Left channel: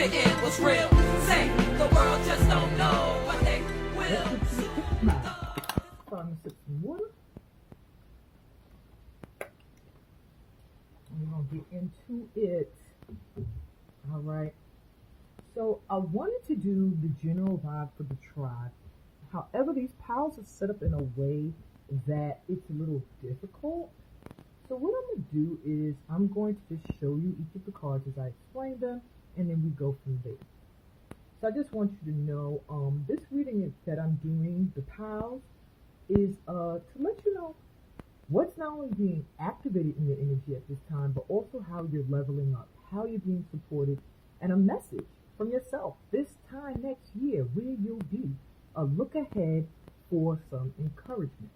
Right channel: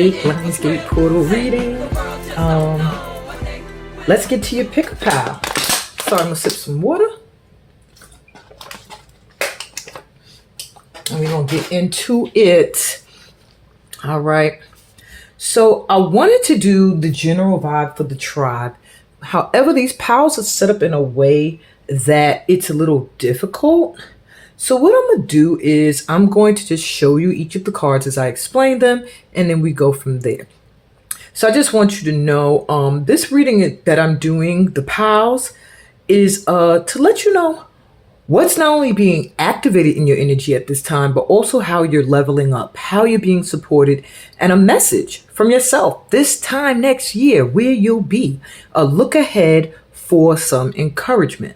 8 Lionsgate portal reading. Let's get to your pick a pal. So I'm gonna sip some water. And we're gonna get into it. All right. So I wanted to do the general vibe for the tribe. However, these pals are set up in a way that it's a little difficult. So what I'm going to do is I'm going to just show you each of the cards as I explain them, and then we go from there. So I just want you to know this reading that I'm doing, the pals, is to let you know what's not only being activated in your energy at this time, but also how you're leveling up, how you're being supported, and a message from yourself this time next year where you'll be. A look ahead for some encouragement.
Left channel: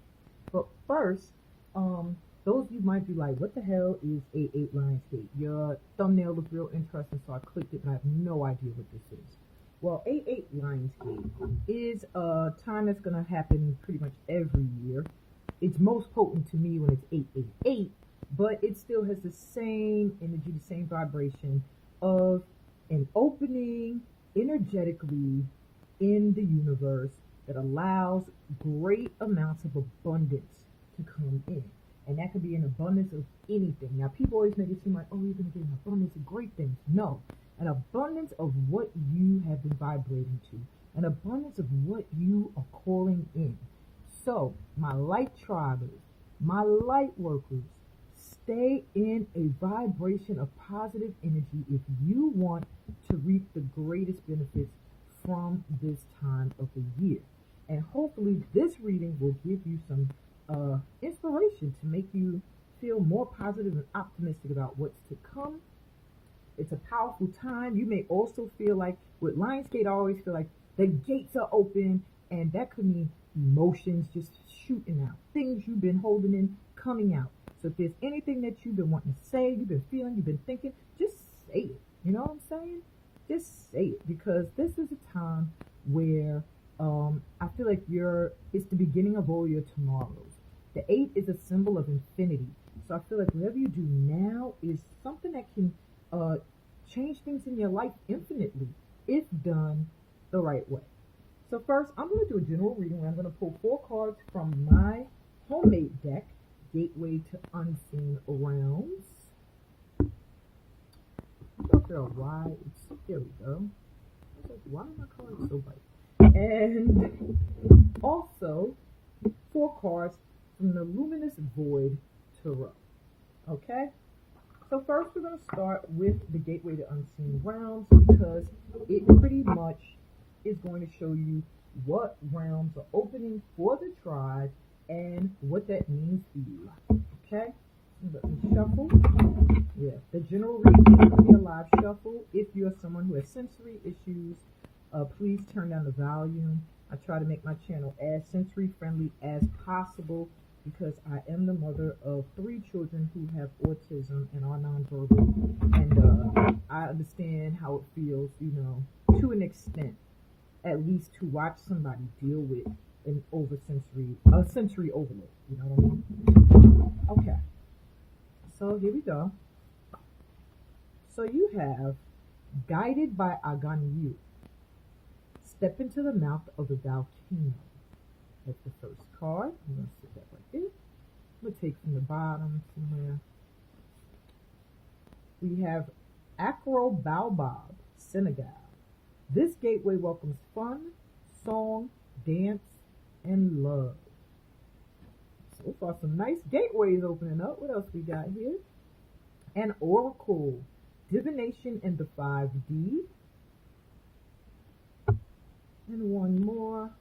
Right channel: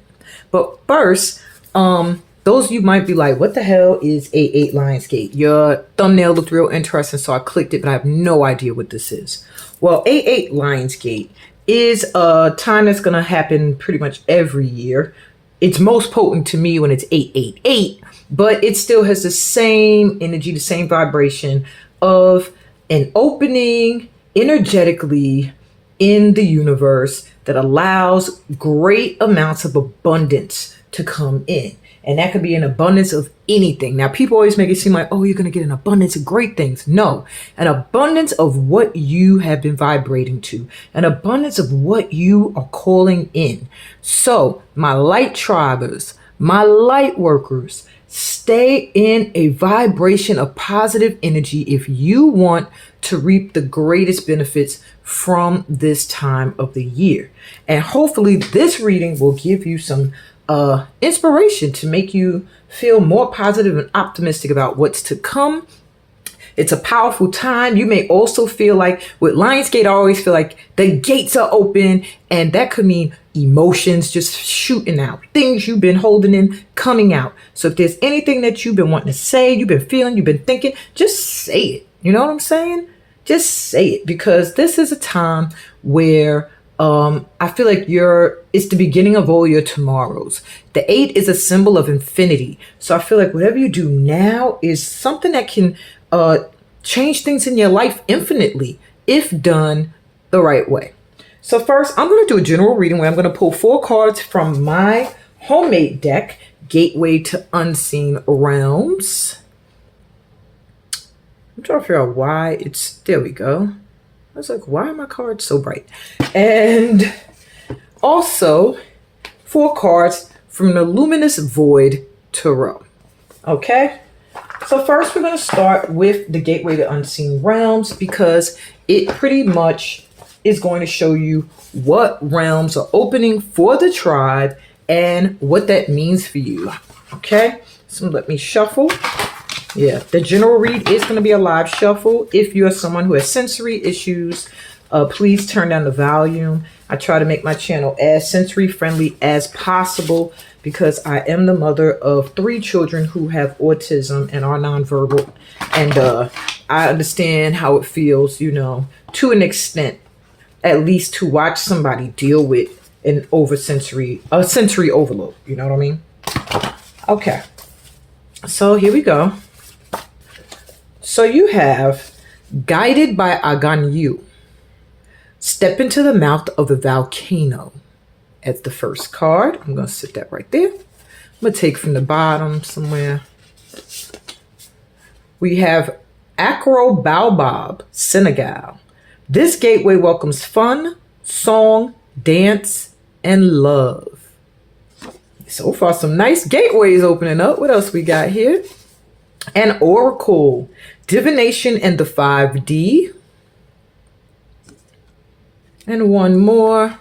But first, those of you might be like, what the hell is 8 Lionsgate? Your thumbnail looked real interesting, so I clicked it, but I have no idea what this is. Well, 8 Lionsgate is a time that's going to happen pretty much every year. It's most potent to me when it's 888, but it still has the same energy, the same vibration of an opening energetically in the universe that allows great amounts of abundance to come in. And that could be an abundance of anything. Now, people always make it seem like, oh, you're going to get an abundance of great things. No, an abundance of what you have been vibrating to, an abundance of what you are calling in. So my light tribers, my light workers, stay in a vibration of positive energy if you want to reap the greatest benefits from this time of the year. And hopefully this reading will give you some inspiration to make you feel more positive and optimistic about what's to come. It's a powerful time. You may also feel like with Lionsgate, I always feel like the gates are open, and that could mean emotions just shooting out, things you've been holding in coming out. So if there's anything that you've been wanting to say, you've been feeling, you've been thinking, just say it. You know what I'm saying? Just say it, because this is a time where I feel like it's the beginning of all your tomorrows. The 8 is a symbol of infinity. So I feel like whatever you do now is something that can change things in your life infinitely if done the right way. So first, I'm going to do a general reading where I'm going to pull 4 cards from my homemade deck, Gateway to Unseen Realms. I'm trying to figure out why there we go. I was like, why are my cards so bright? And also 4 cards from the Luminous Void Tarot. Okay? So first we're going to start with the Gateway to Unseen Realms, because it pretty much is going to show you what realms are opening for the tribe and what that means for you. Okay? So let me shuffle. Yeah, the general read is going to be a live shuffle. If you are someone who has sensory issues, please turn down the volume. I try to make my channel as sensory friendly as possible because I am the mother of 3 children who have autism and are nonverbal. And I understand how it feels, to an extent, at least to watch somebody deal with a sensory overload. You know what I mean? Okay. So here we go. So you have Guided by Aganyu. Step into the mouth of a volcano as the first card. I'm going to sit that right there. I'm going to take from the bottom somewhere. We have Acro Baobab, Senegal. This gateway welcomes fun, song, dance, and love. So far, some nice gateways opening up. What else we got here? An Oracle, Divination and the 5D. And one more.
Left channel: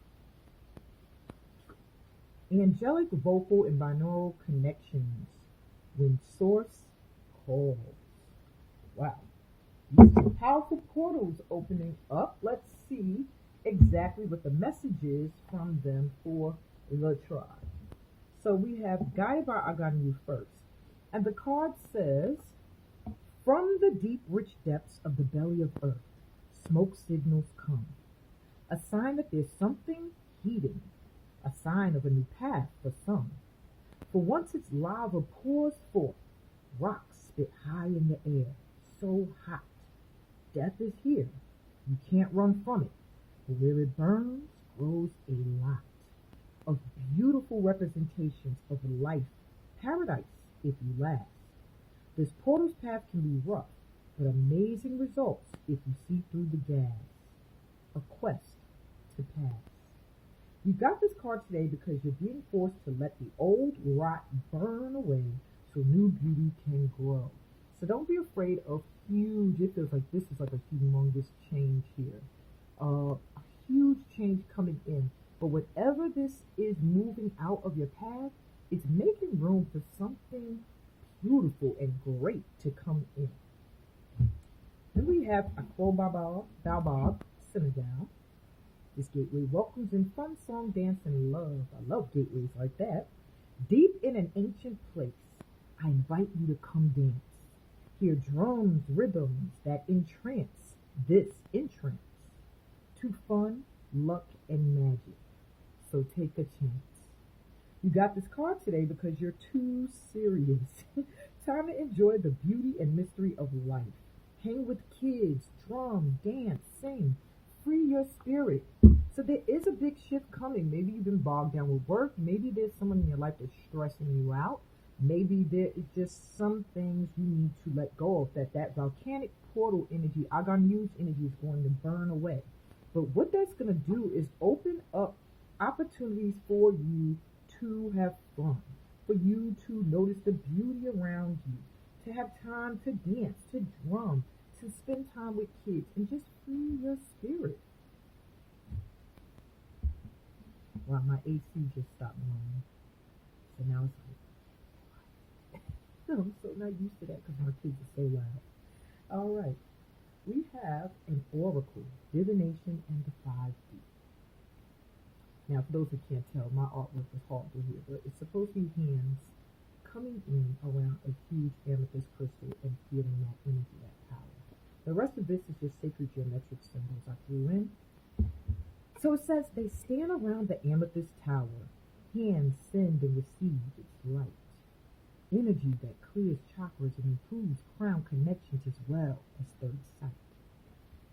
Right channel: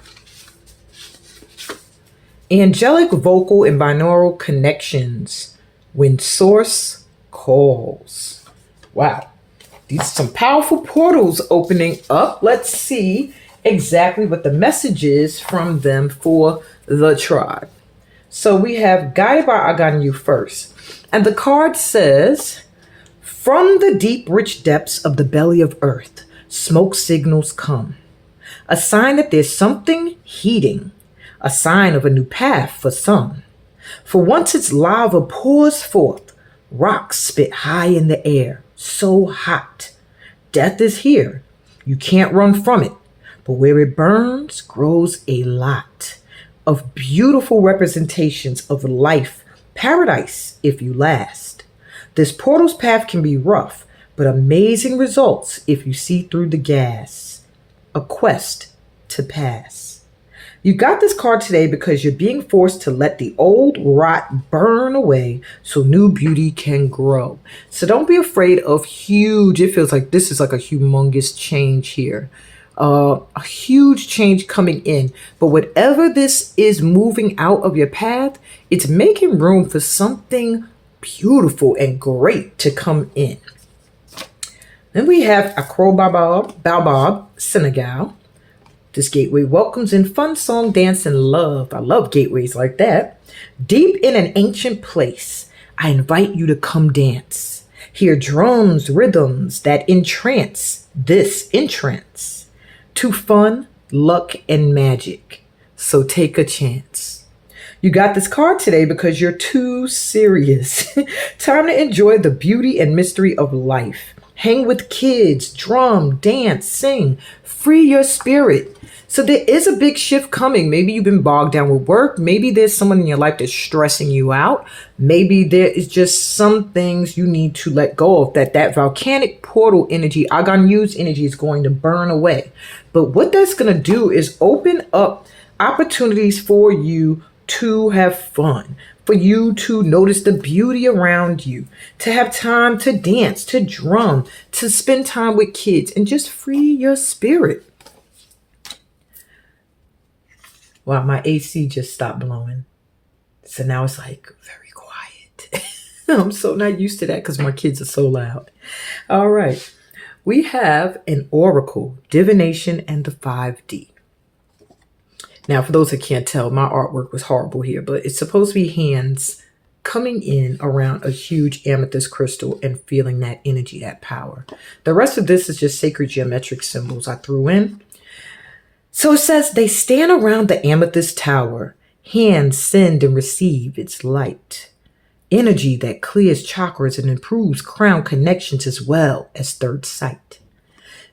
Angelic Vocal and Binaural Connections, When Source Calls. Wow. These are some powerful portals opening up. Let's see exactly what the message is from them for the tribe. So we have Guided by Aganyu first. And the card says, from the deep, rich depths of the belly of earth, smoke signals come. A sign that there's something heating. A sign of a new path for some. For once its lava pours forth, rocks spit high in the air, so hot. Death is here. You can't run from it. But where it burns grows a lot of beautiful representations of life, paradise if you last. This portal's path can be rough, but amazing results if you see through the gas. A quest to pass. You got this card today because you're being forced to let the old rot burn away so new beauty can grow. So don't be afraid of huge, it feels like this is like a humongous change here. A huge change coming in. But whatever this is moving out of your path, it's making room for something beautiful and great to come in. Then we have Akro Baobab, Senegal. This gateway welcomes in fun song, dance, and love. I love gateways like that. Deep in an ancient place, I invite you to come dance. Hear drums, rhythms that entrance this entrance to fun, luck, and magic. So take a chance. You got this card today because you're too serious. Time to enjoy the beauty and mystery of life. Hang with kids, drum, dance, sing, free your spirit. So there is a big shift coming. Maybe you've been bogged down with work. Maybe there's someone in your life that's stressing you out. Maybe there is just some things you need to let go of, that volcanic portal energy, Aganyu's energy is going to burn away. But what that's going to do is open up opportunities for you to have fun, for you to notice the beauty around you, to have time to dance, to drum, to spend time with kids, and just free your spirit. Wow, my AC just stopped blowing. So now it's like very quiet. I'm so not used to that because my kids are so loud. All right. We have an oracle, divination, and the 5D. Now, for those that can't tell, my artwork was horrible here, but it's supposed to be hands coming in around a huge amethyst crystal and feeling that energy, that power. The rest of this is just sacred geometric symbols I threw in. So it says, they stand around the amethyst tower. Hands send and receive its light. Energy that clears chakras and improves crown connections as well as third sight.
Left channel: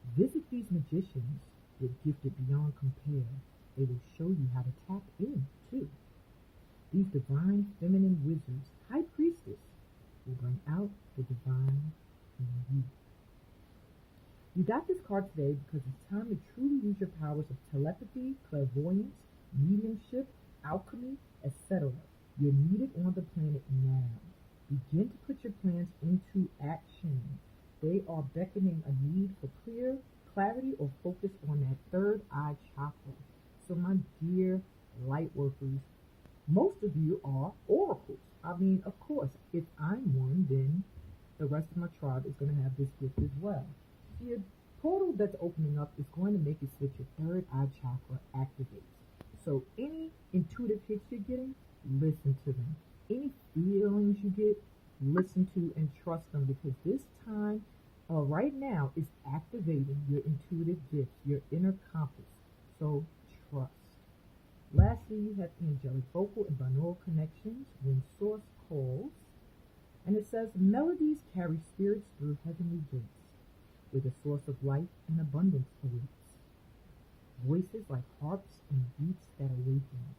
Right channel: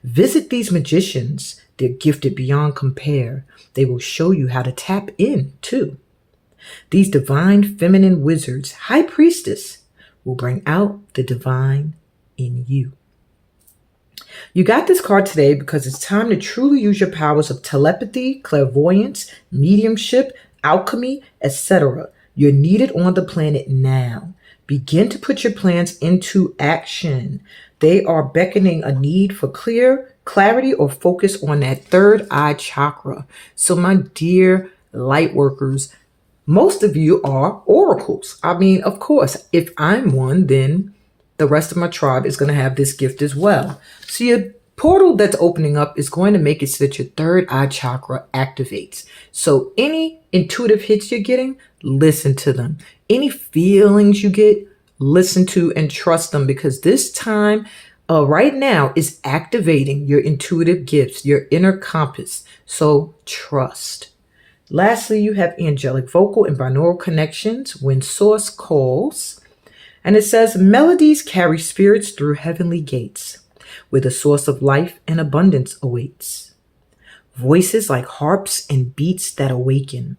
Visit these magicians. They're gifted beyond compare. They will show you how to tap in too. These divine feminine wizards, high priestess, will bring out the divine in you. You got this card today because it's time to truly use your powers of telepathy, clairvoyance, mediumship, alchemy, etc. You're needed on the planet now. Begin to put your plans into action. They are beckoning a need for clarity or focus on that third eye chakra. So my dear light workers, most of you are oracles. I mean, of course, if I'm one, then the rest of my tribe is going to have this gift as well. So your portal that's opening up is going to make it so that your third eye chakra activates. So any intuitive hits you're getting, listen to them. Any feelings you get, listen to and trust them, because this time right now is activating your intuitive gifts, your inner compass. So trust. Lastly, you have angelic vocal and binaural connections when source calls. And it says, melodies carry spirits through heavenly gates, where the source of life and abundance awaits. Voices like harps and beats that awaken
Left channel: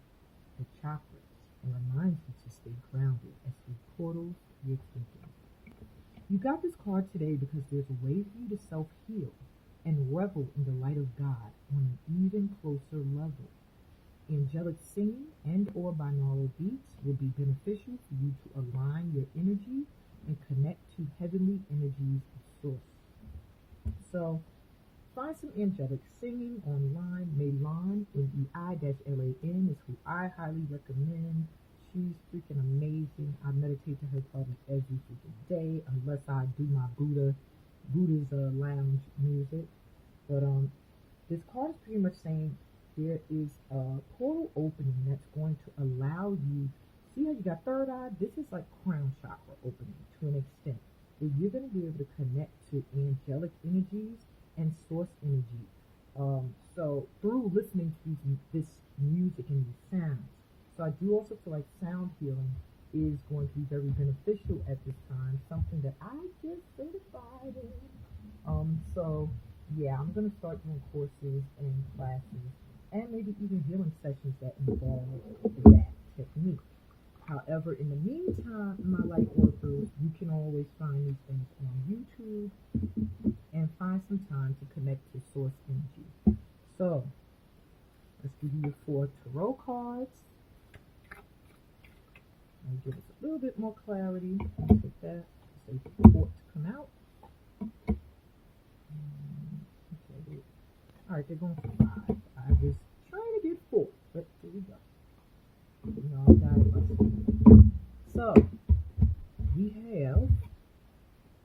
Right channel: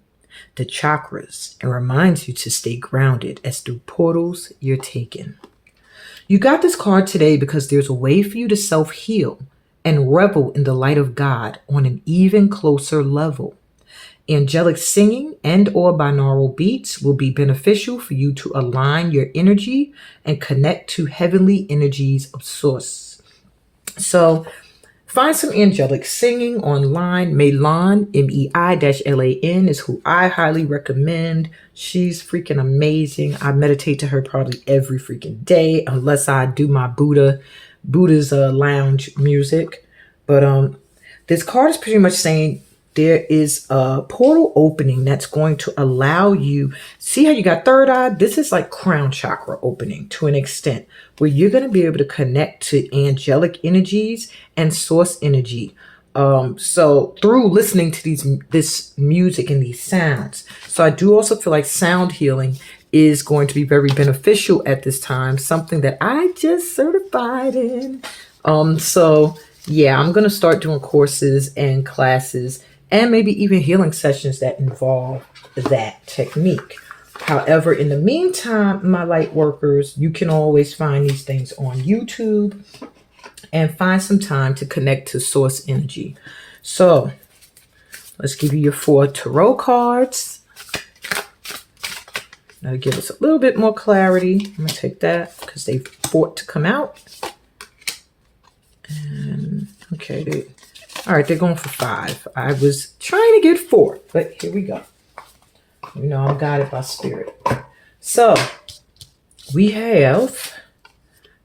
the chakras and reminds you to stay grounded as through portals you're taken. You got this card today because there's a way for you to self-heal and revel in the light of God on an even closer level. Angelic singing and or binaural beats will be beneficial for you to align your energy and connect to heavenly energies of source. So find some angelic singing online. Meilan, MEI-LAN is who I highly recommend. She's freaking amazing. I meditate to her probably every freaking day, unless I do my Buddha's lounge music. But this card is pretty much saying there is a portal opening that's going to allow you, see how you got third eye? This is like crown chakra opening to an extent where you're going to be able to connect to angelic energies and source energy. So through listening to this music and these sounds. So I do also feel like sound healing is going to be very beneficial at this time, something that I just certified in. So yeah, I'm gonna start doing courses and classes and maybe even healing sessions that involve that technique. However, in the meantime, my light workers, you can always find these things on YouTube and find some time to connect to source energy. So let's give you your 4 tarot cards. That'll give us a little bit more clarity. I'm gonna take that because they fought to come out. And okay, all right, they're going for 5. I was trying to get 4, but here we go. You know, I'm guided by spirit. So we have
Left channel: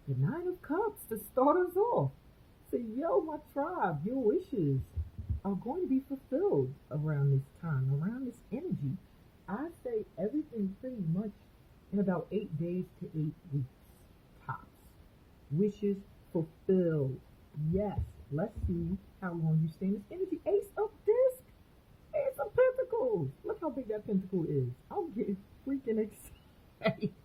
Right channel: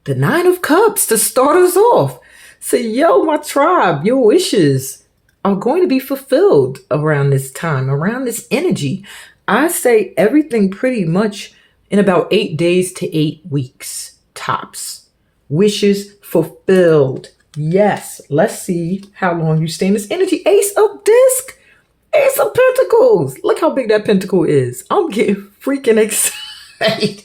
the 9 of Cups to start us off. So, yo, my tribe, your wishes are going to be fulfilled around this time, around this energy. I say everything pretty much in about 8 days to 8 weeks, tops. Wishes fulfilled. Yes, let's see how long you stay in this energy. Ace of Disc, Ace of Pentacles. Look how big that pentacle is. I'm getting freaking excited.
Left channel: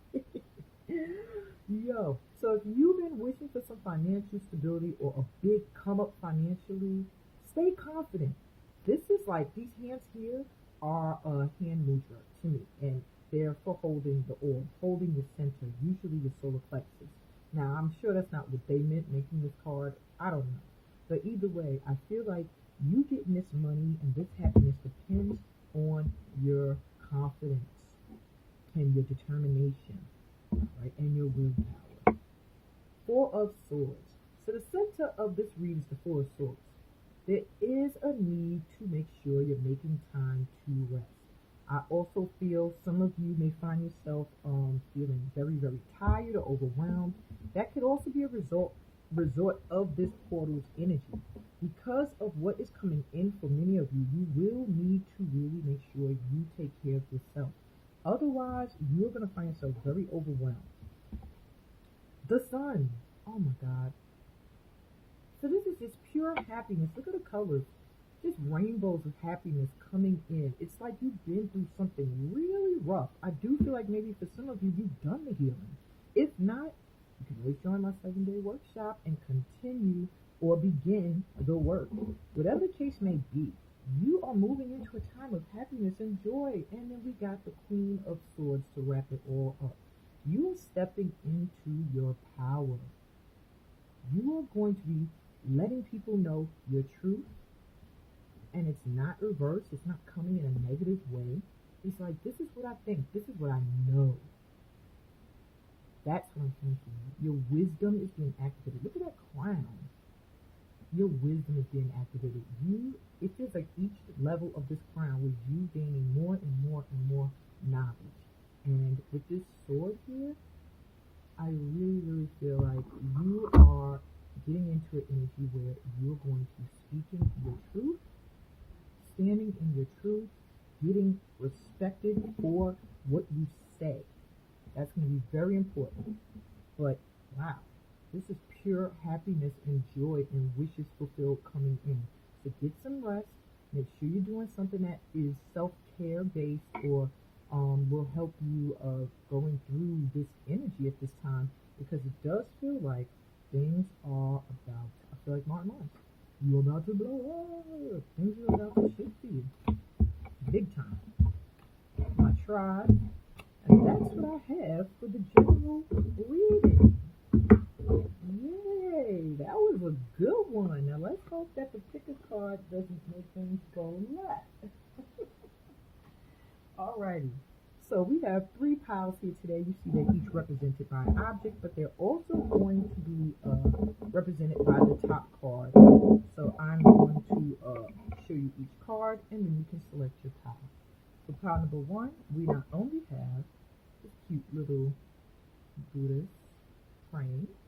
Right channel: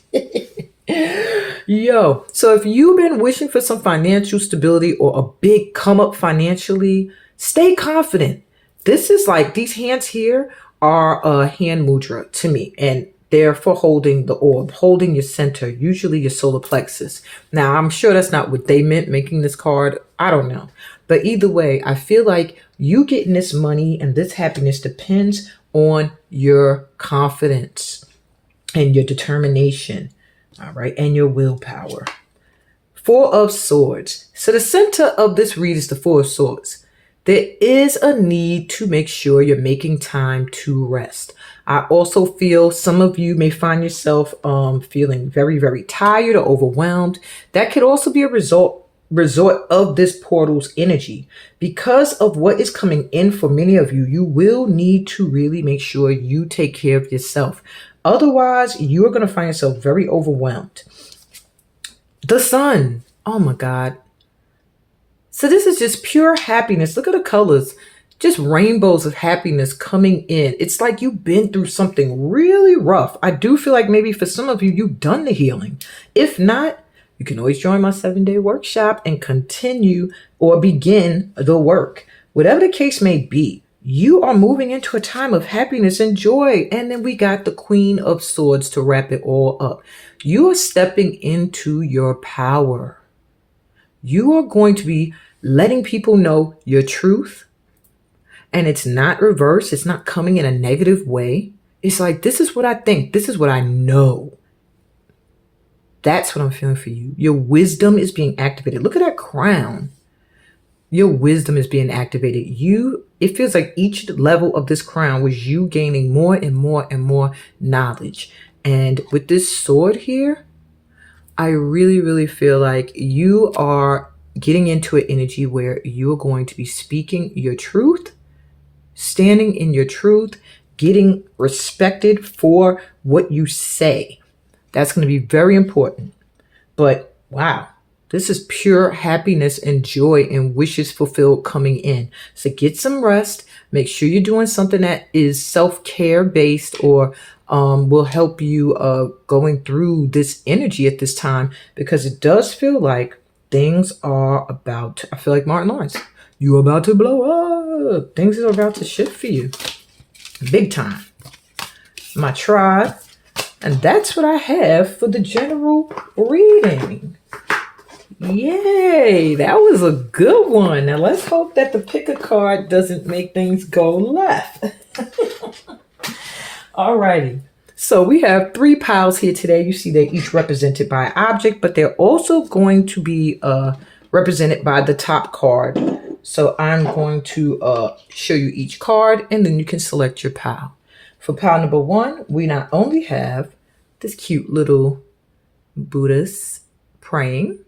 Yo, so if you've been wishing for some financial stability or a big come up financially, stay confident. This is like these hands here are a hand mudra to me, and they're for holding the orb, holding your center, usually your solar plexus. Now, I'm sure that's not what they meant making this card. I don't know. But either way, I feel like you getting this money and this happiness depends on your confidence and your determination. All right, and your willpower. 4 of Swords. So the center of this read is the 4 of Swords. There is a need to make sure you're making time to rest. I also feel some of you may find yourself feeling very, very tired or overwhelmed. That could also be a result of this portal's energy. Because of what is coming in for many of you, you will need to really make sure you take care of yourself. Otherwise, you are going to find yourself very overwhelmed. The Sun. Oh my God. So this is just pure happiness. Look at the colors. Just rainbows of happiness coming in. It's like you've been through something really rough. I do feel like maybe for some of you, you've done the healing. If not, you can always join my 7-day workshop and continue or begin the work. Whatever the case may be, you are moving into a time of happiness and joy. And then we got the Queen of Swords to wrap it all up. You are stepping into your power. You are going to be letting people know your truth. And it's not reversed. It's not coming in a negative way. It's like, this is what I think. This is what I know. That's what I'm feeling for you. Your wisdom is being activated. Look at that crown. Your wisdom is being activated. It feels like each level of this crown was you gaining more and more and more knowledge. And with this sword here, I really, really feel like you are getting into an energy where you're going to be speaking your truth, standing in your truth, getting respected for what you say. That's going to be very important. But wow, this is pure happiness and joy and wishes fulfilled coming in. So get some rest. Make sure you're doing something that is self-care based or will help you going through this energy at this time, because it does feel like things are about to, I feel like Martin Lawrence, you're about to blow up. Things are about to shift for you. Big time. My tribe. And that's what I have for the general reading. Yay, that was a good one. Now let's hope that the pick a card doesn't make things go left. Alrighty. So we have 3 piles here today. You see they're each represented by an object, but they're also going to be represented by the top card. So I'm going to show you each card and then you can select your pile. For pile number 1, we not only have this cute little Buddhist praying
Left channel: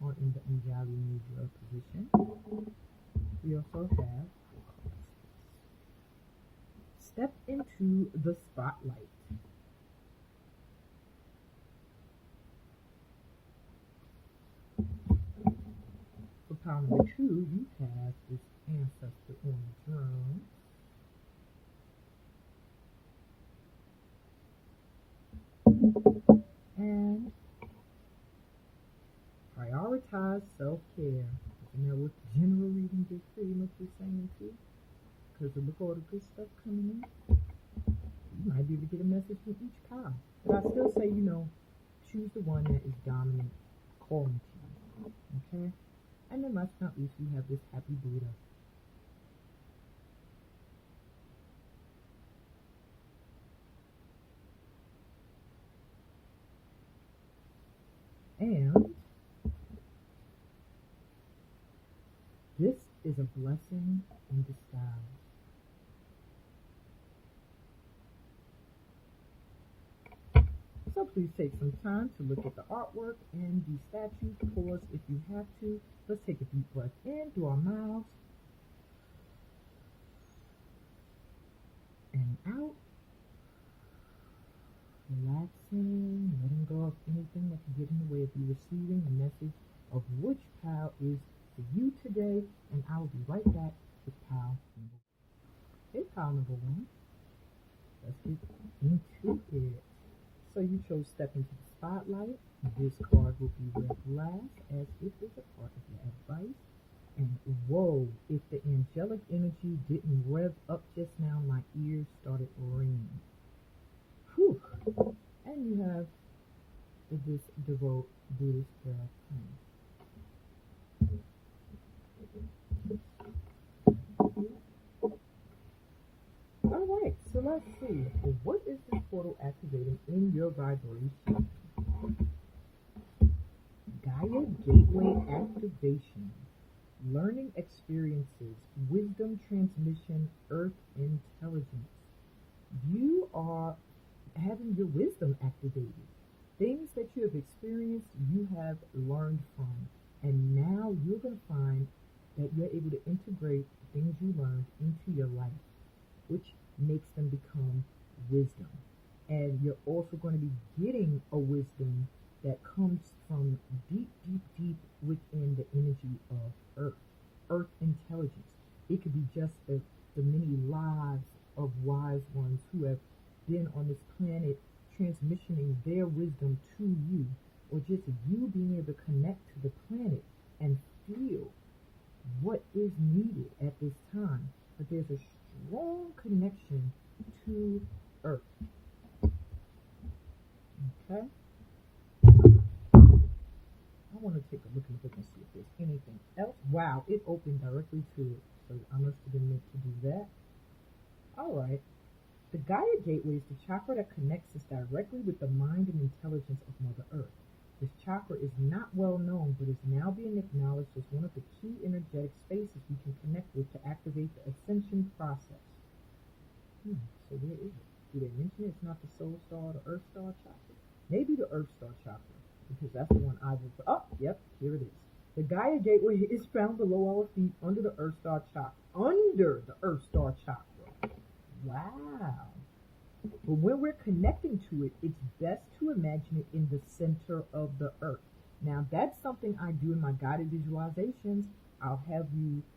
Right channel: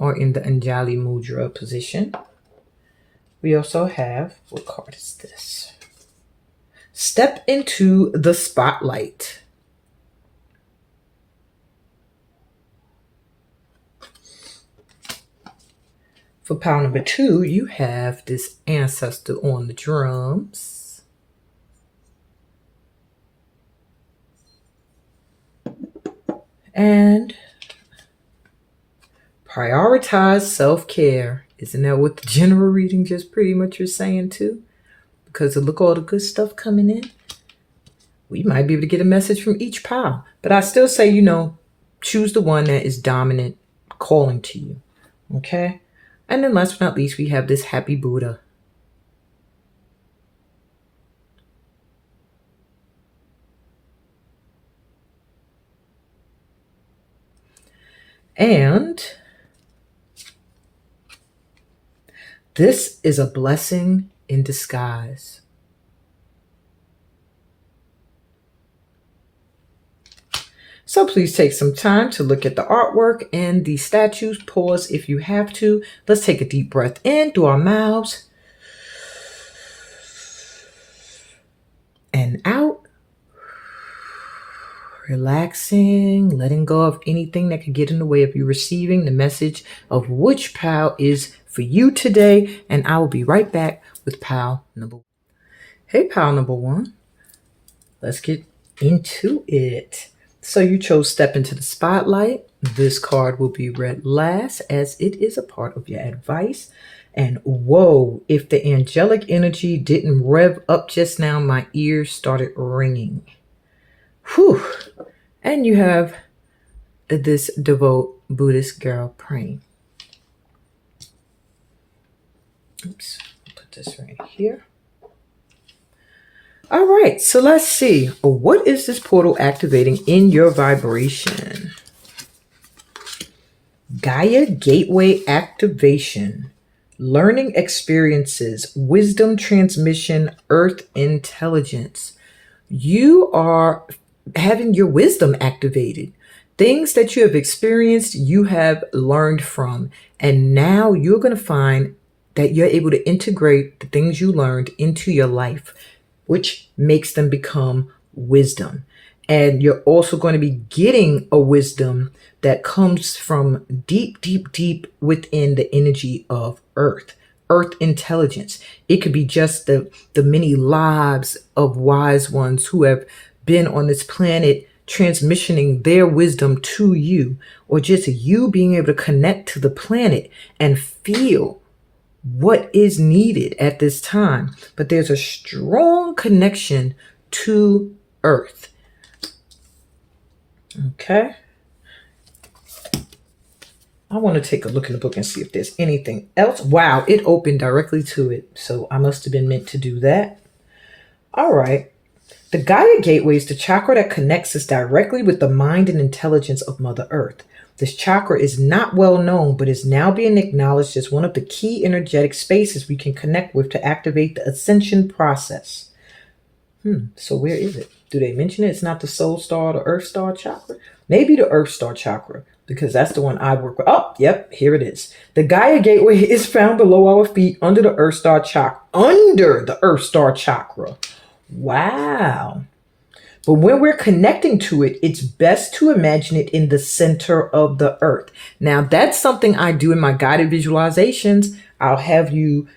or in the Anjali Mudra position. We also have, what card is this? Step into the spotlight. For pile number 2, you have this ancestor on the drums. And Prioritize self-care. Isn't that what the general reading just pretty much is saying too? Because look all the good stuff coming in. We might be able to get a message from each pile. But I still say, choose the one that is dominant, calling to you. Okay? And then last but not least, we have this happy Buddha. And this is a blessing in disguise. So please take some time to look at the artwork and the statues. Pause if you have to. Let's take a deep breath in through our mouths and out. Relaxing, letting go of anything that could get in the way of you receiving the message of which pile is for you today. And I will be right back with pile number one. Hey, pile number one. Let's get into it. So you chose Step into the Spotlight. This card will be read last as it is a part of your advice. And whoa, if the angelic energy didn't rev up just now, my ears started ringing. Whew. And you have this devout Buddhist girl praying. Oops, put this right here. All right, so let's see. What is this portal activating in your vibration? Gaia Gateway Activation. Learning experiences, wisdom transmission, earth intelligence. You are having your wisdom activated. Things that you have experienced, you have learned from. And now you're going to find that you're able to integrate the things you learned into your life, which makes them become wisdom. And you're also going to be getting a wisdom that comes from deep, deep, deep within the energy of earth intelligence. It could be just the many lives of wise ones who have been on this planet transmissioning their wisdom to you, or just you being able to connect to the planet and feel what is needed at this time. But there's a strong connection to earth. Okay. I want to take a look in the book and see if there's anything else. Wow, it opened directly to it. So I must have been meant to do that. All right. The Gaia Gateway is the chakra that connects us directly with the mind and intelligence of Mother Earth. This chakra is not well known, but is now being acknowledged as one of the key energetic spaces we can connect with to activate the ascension process. So where is it? Do they mention it? It's not the soul star, the earth star chakra? Maybe the earth star chakra, because that's the one I work with. Oh, yep, here it is. The Gaia Gateway is found below our feet under the earth star chakra. Under the earth star chakra. Wow. But when we're connecting to it, it's best to imagine it in the center of the earth. Now, that's something I do in my guided visualizations. I'll have you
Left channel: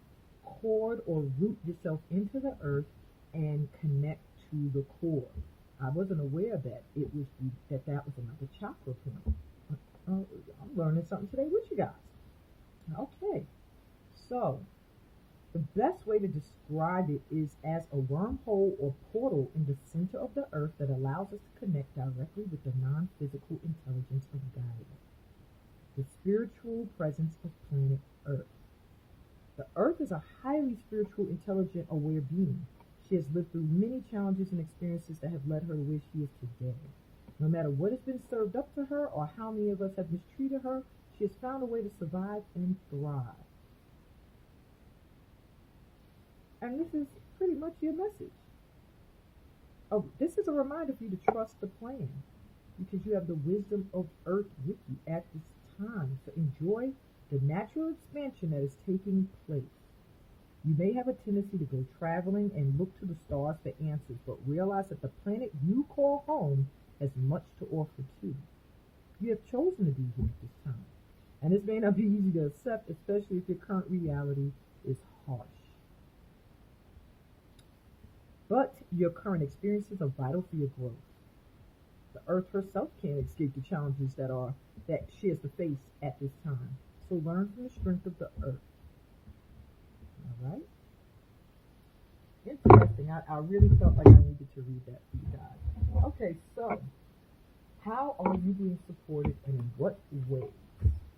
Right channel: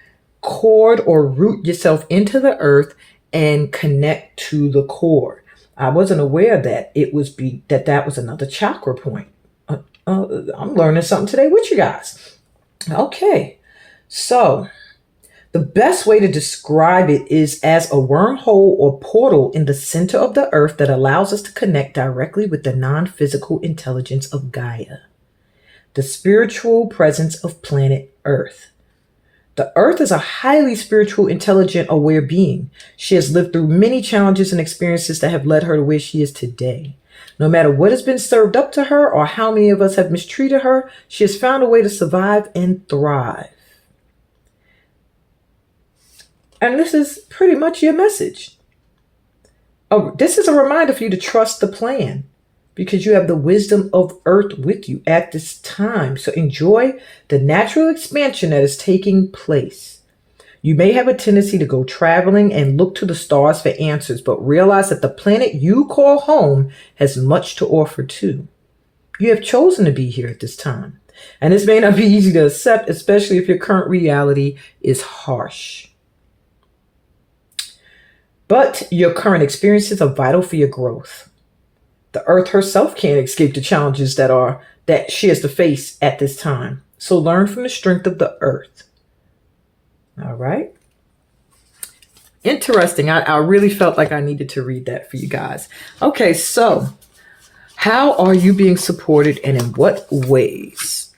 cord or root yourself into the earth and connect to the core. I wasn't aware that that was another chakra point. I'm learning something today with you guys. Okay, so the best way to describe it is as a wormhole or portal in the center of the earth that allows us to connect directly with the non-physical intelligence of Gaia, the spiritual presence of planet Earth. The Earth is a highly spiritual, intelligent, aware being. She has lived through many challenges and experiences that have led her to where she is today. No matter what has been served up to her or how many of us have mistreated her, she has found a way to survive and thrive. And this is pretty much your message. Oh, this is a reminder for you to trust the plan, because you have the wisdom of Earth with you at this time. So enjoy the natural expansion that is taking place. You may have a tendency to go traveling and look to the stars for answers, but realize that the planet you call home has much to offer too. You have chosen to be here at this time. And this may not be easy to accept, especially if your current reality is harsh. But your current experiences are vital for your growth. The earth herself can't escape the challenges that are that she has to face at this time. So learn from the strength of the earth. All right. Interesting. I really felt like I needed to read that for you guys. Okay, so how are you being supported and in what ways?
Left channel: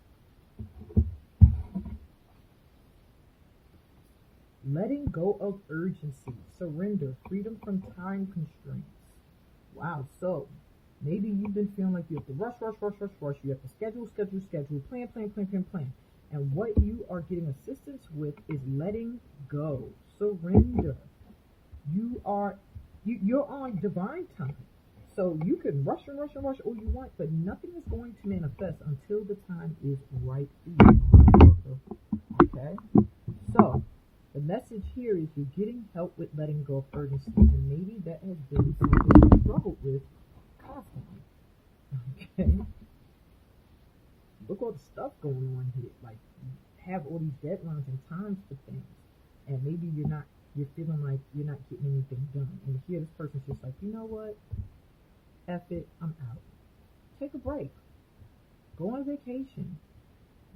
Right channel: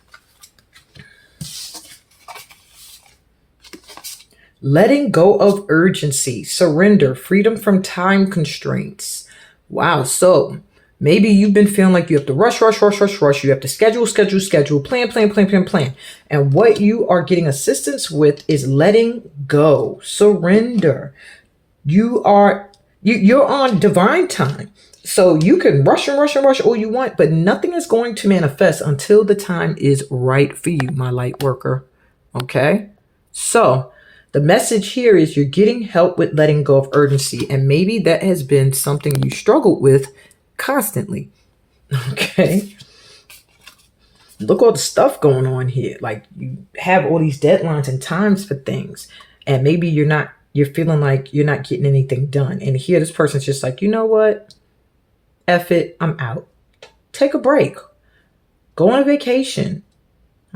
Letting go of urgency, surrender, freedom from time constraints. Wow. So maybe you've been feeling like you have to rush. You have to schedule, plan. And what you are getting assistance with is letting go, surrender. You're on divine time. So you can rush all you want, but nothing is going to manifest until the time is right for you, my light worker. Okay? So the message here is you're getting help with letting go of urgency. And maybe that has been something you struggled with constantly. Okay? Look all the stuff going on here. Like you have all these deadlines and times for things. And maybe you're feeling like you're not getting anything done. And here this person's just like, you know what? F it, I'm out. Take a break. Go on a vacation.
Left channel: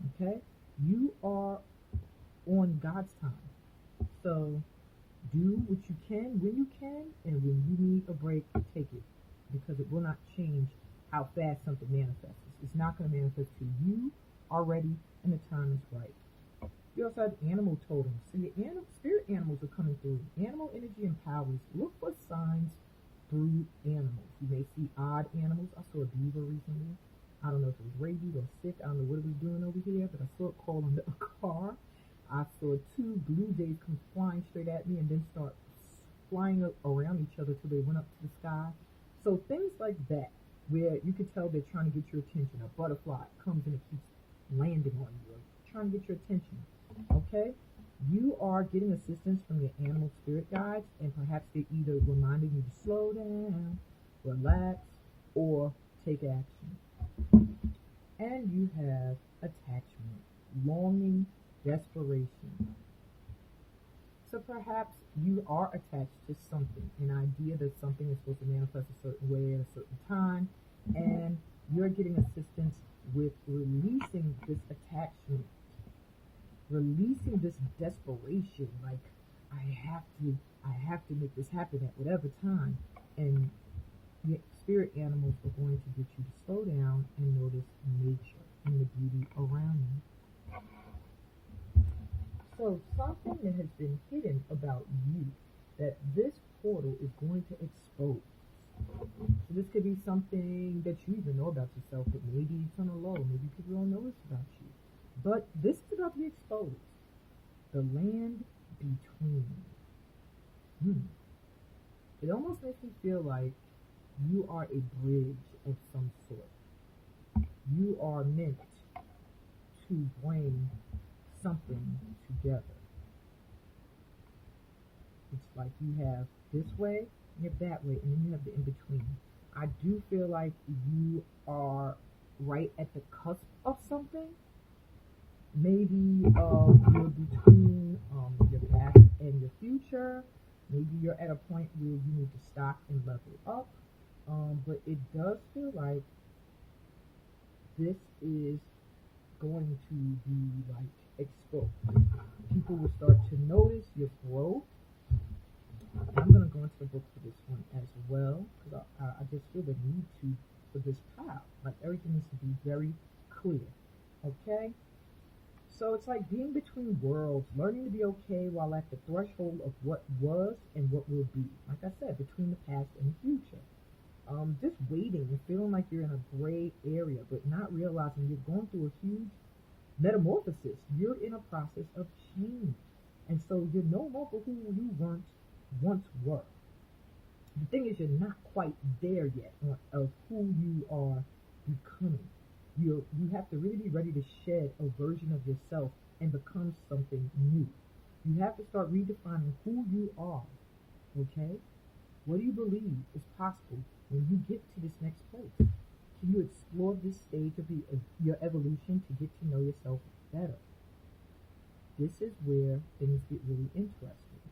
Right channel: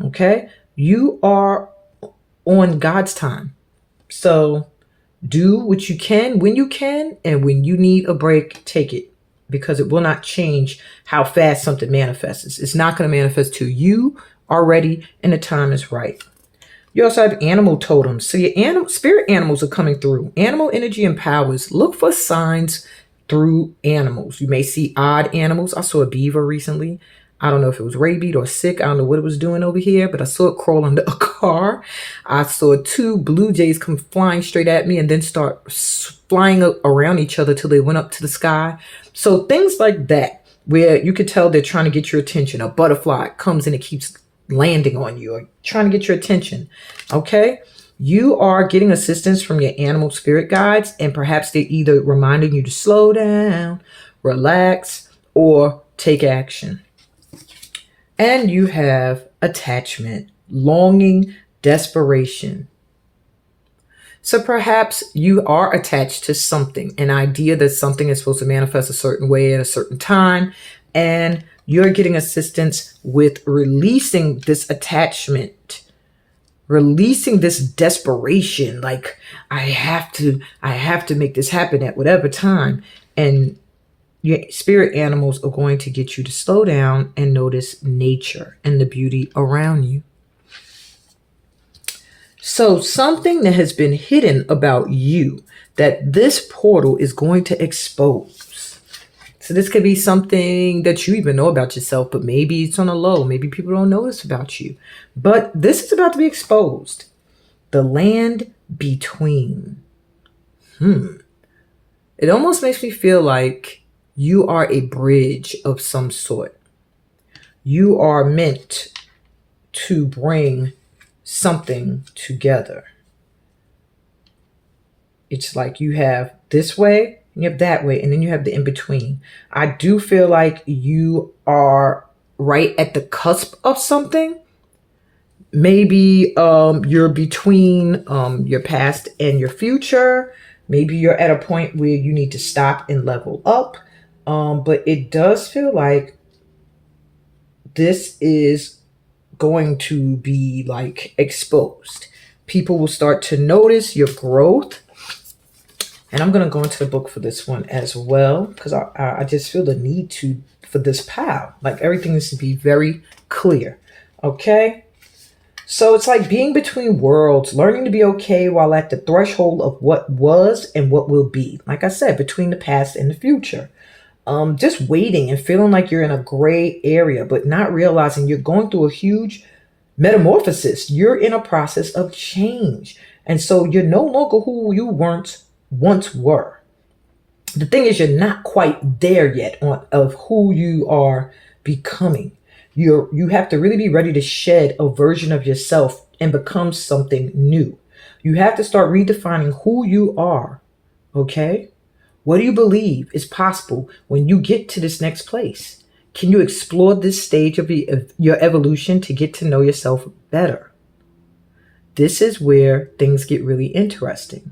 Okay? You are on God's time. So do what you can, and when you need a break, take it. Because it will not change how fast something manifests. It's not going to manifest to you already, and the time is right. You also have animal totems. So your spirit animals are coming through. Animal energy and powers. Look for signs through animals. You may see odd animals. I saw a beaver recently. I don't know if it was rabied or sick. I don't know what it was doing over here, but I saw it crawl under a car. I saw 2 blue jays come flying straight at me and then start flying around each other till they went up to the sky. So things like that, where you could tell they're trying to get your attention. A butterfly comes and it keeps landing on you or trying to get your attention. Okay? You are getting assistance from your animal spirit guides, and perhaps they're either reminding you to slow down, relax, or take action. And you have attachment, longing, desperation. So perhaps you are attached to something, an idea that something is supposed to manifest a certain way at a certain time, and you're getting assistance with releasing this attachment, releasing this desperation, like I have to make this happen at whatever time. And your spirit animals are going to get you to slow down and notice nature and the beauty around you. So something that has been hidden about you that this portal is going to expose. So this could be something that you even know about yourself, but maybe it's on a low. Maybe people don't know this about you. But this is about to be exposed. The land between. It almost makes me feel like you are a bridge of some sort. You are meant to bring something together. It's like you have this way, and you have that way, and then you have the in-between. I do feel like you are right at the cusp of something. Maybe you're between your past and your future. Maybe you're at a point where you need to stop and level up. But it does feel like this is going to be like exposed. People will start to notice your growth. And I'm going to go into the book for this one as well, because I just feel the need for this pile. Like everything needs to be very clear. Okay. So it's like being between worlds, learning to be okay while at the threshold of what was and what will be. Like I said, between the past and the future. Just waiting and feeling like you're in a gray area, but not realizing you're going through a huge metamorphosis. You're in a process of change. And so you're no longer who you once were. The thing is, you're not quite there yet of who you are becoming. You have to really be ready to shed a version of yourself and become something new. You have to start redefining who you are. Okay? What do you believe is possible when you get to this next place? Can you explore this stage of your evolution to get to know yourself better? This is where things get really interesting.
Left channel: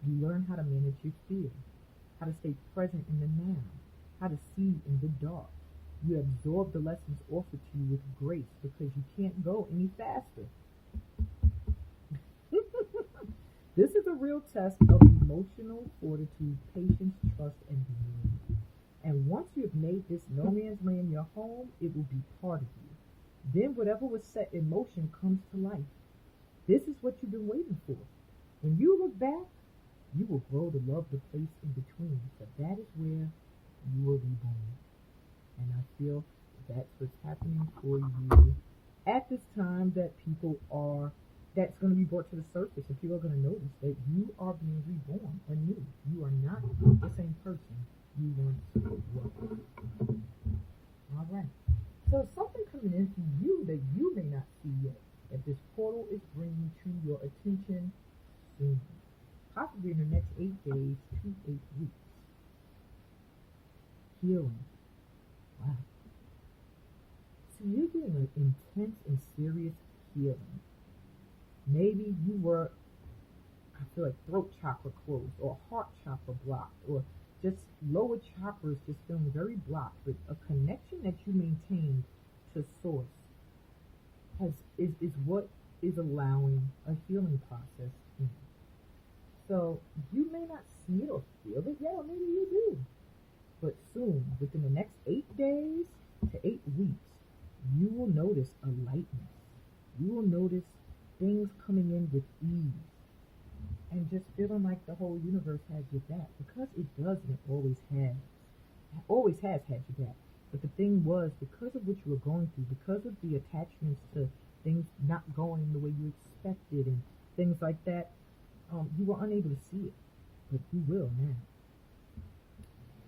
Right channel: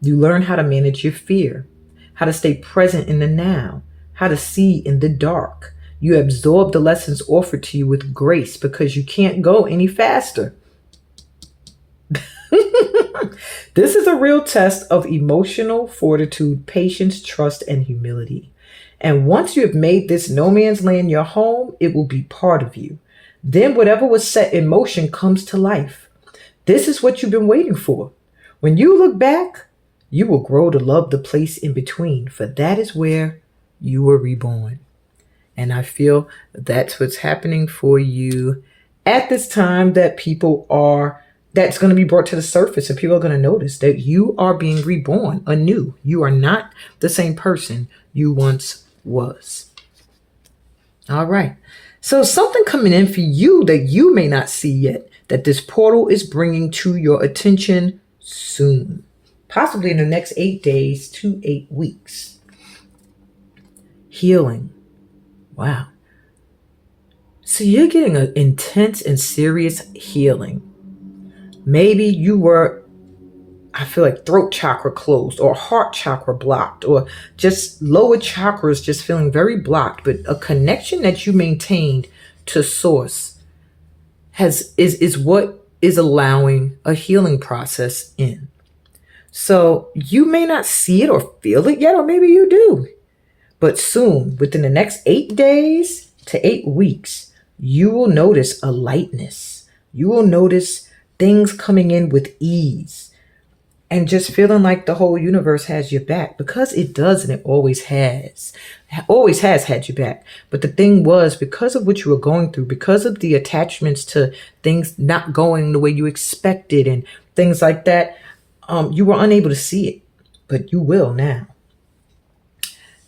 You learn how to manage your fear, how to stay present in the now, how to see in the dark. You absorb the lessons offered to you with grace because you can't go any faster. This is a real test of emotional fortitude, patience, trust, and humility. And once you have made this no man's land your home, it will be part of you. Then whatever was set in motion comes to life. This is what you've been waiting for. When you look back, you will grow to love the place in between, for that is where you were reborn. And I feel that's what's happening for you at this time, that's going to be brought to the surface, and people are going to notice that you are being reborn anew. You are not the same person you once was. All right. So something coming in for you that you may not see yet, that this portal is bringing to your attention soon, possibly in the next 8 days to 8 weeks. Healing. Wow. So you're getting an intense and serious healing. Maybe you were, I feel like, throat chakra closed or heart chakra blocked, or just lower chakras just feeling very blocked, but a connection that you maintained to source is what is allowing a healing process in. So you may not see it or feel it yet, or maybe you do. But soon, within the next 8 days to 8 weeks, you will notice a lightness. You will notice things coming in with ease and just feeling like the whole universe has your back, because it does, and it always has had your back. But the thing was, because of what you were going through, because of the attachments to things not going the way you expected and things like that, you were unable to see it, but you will now.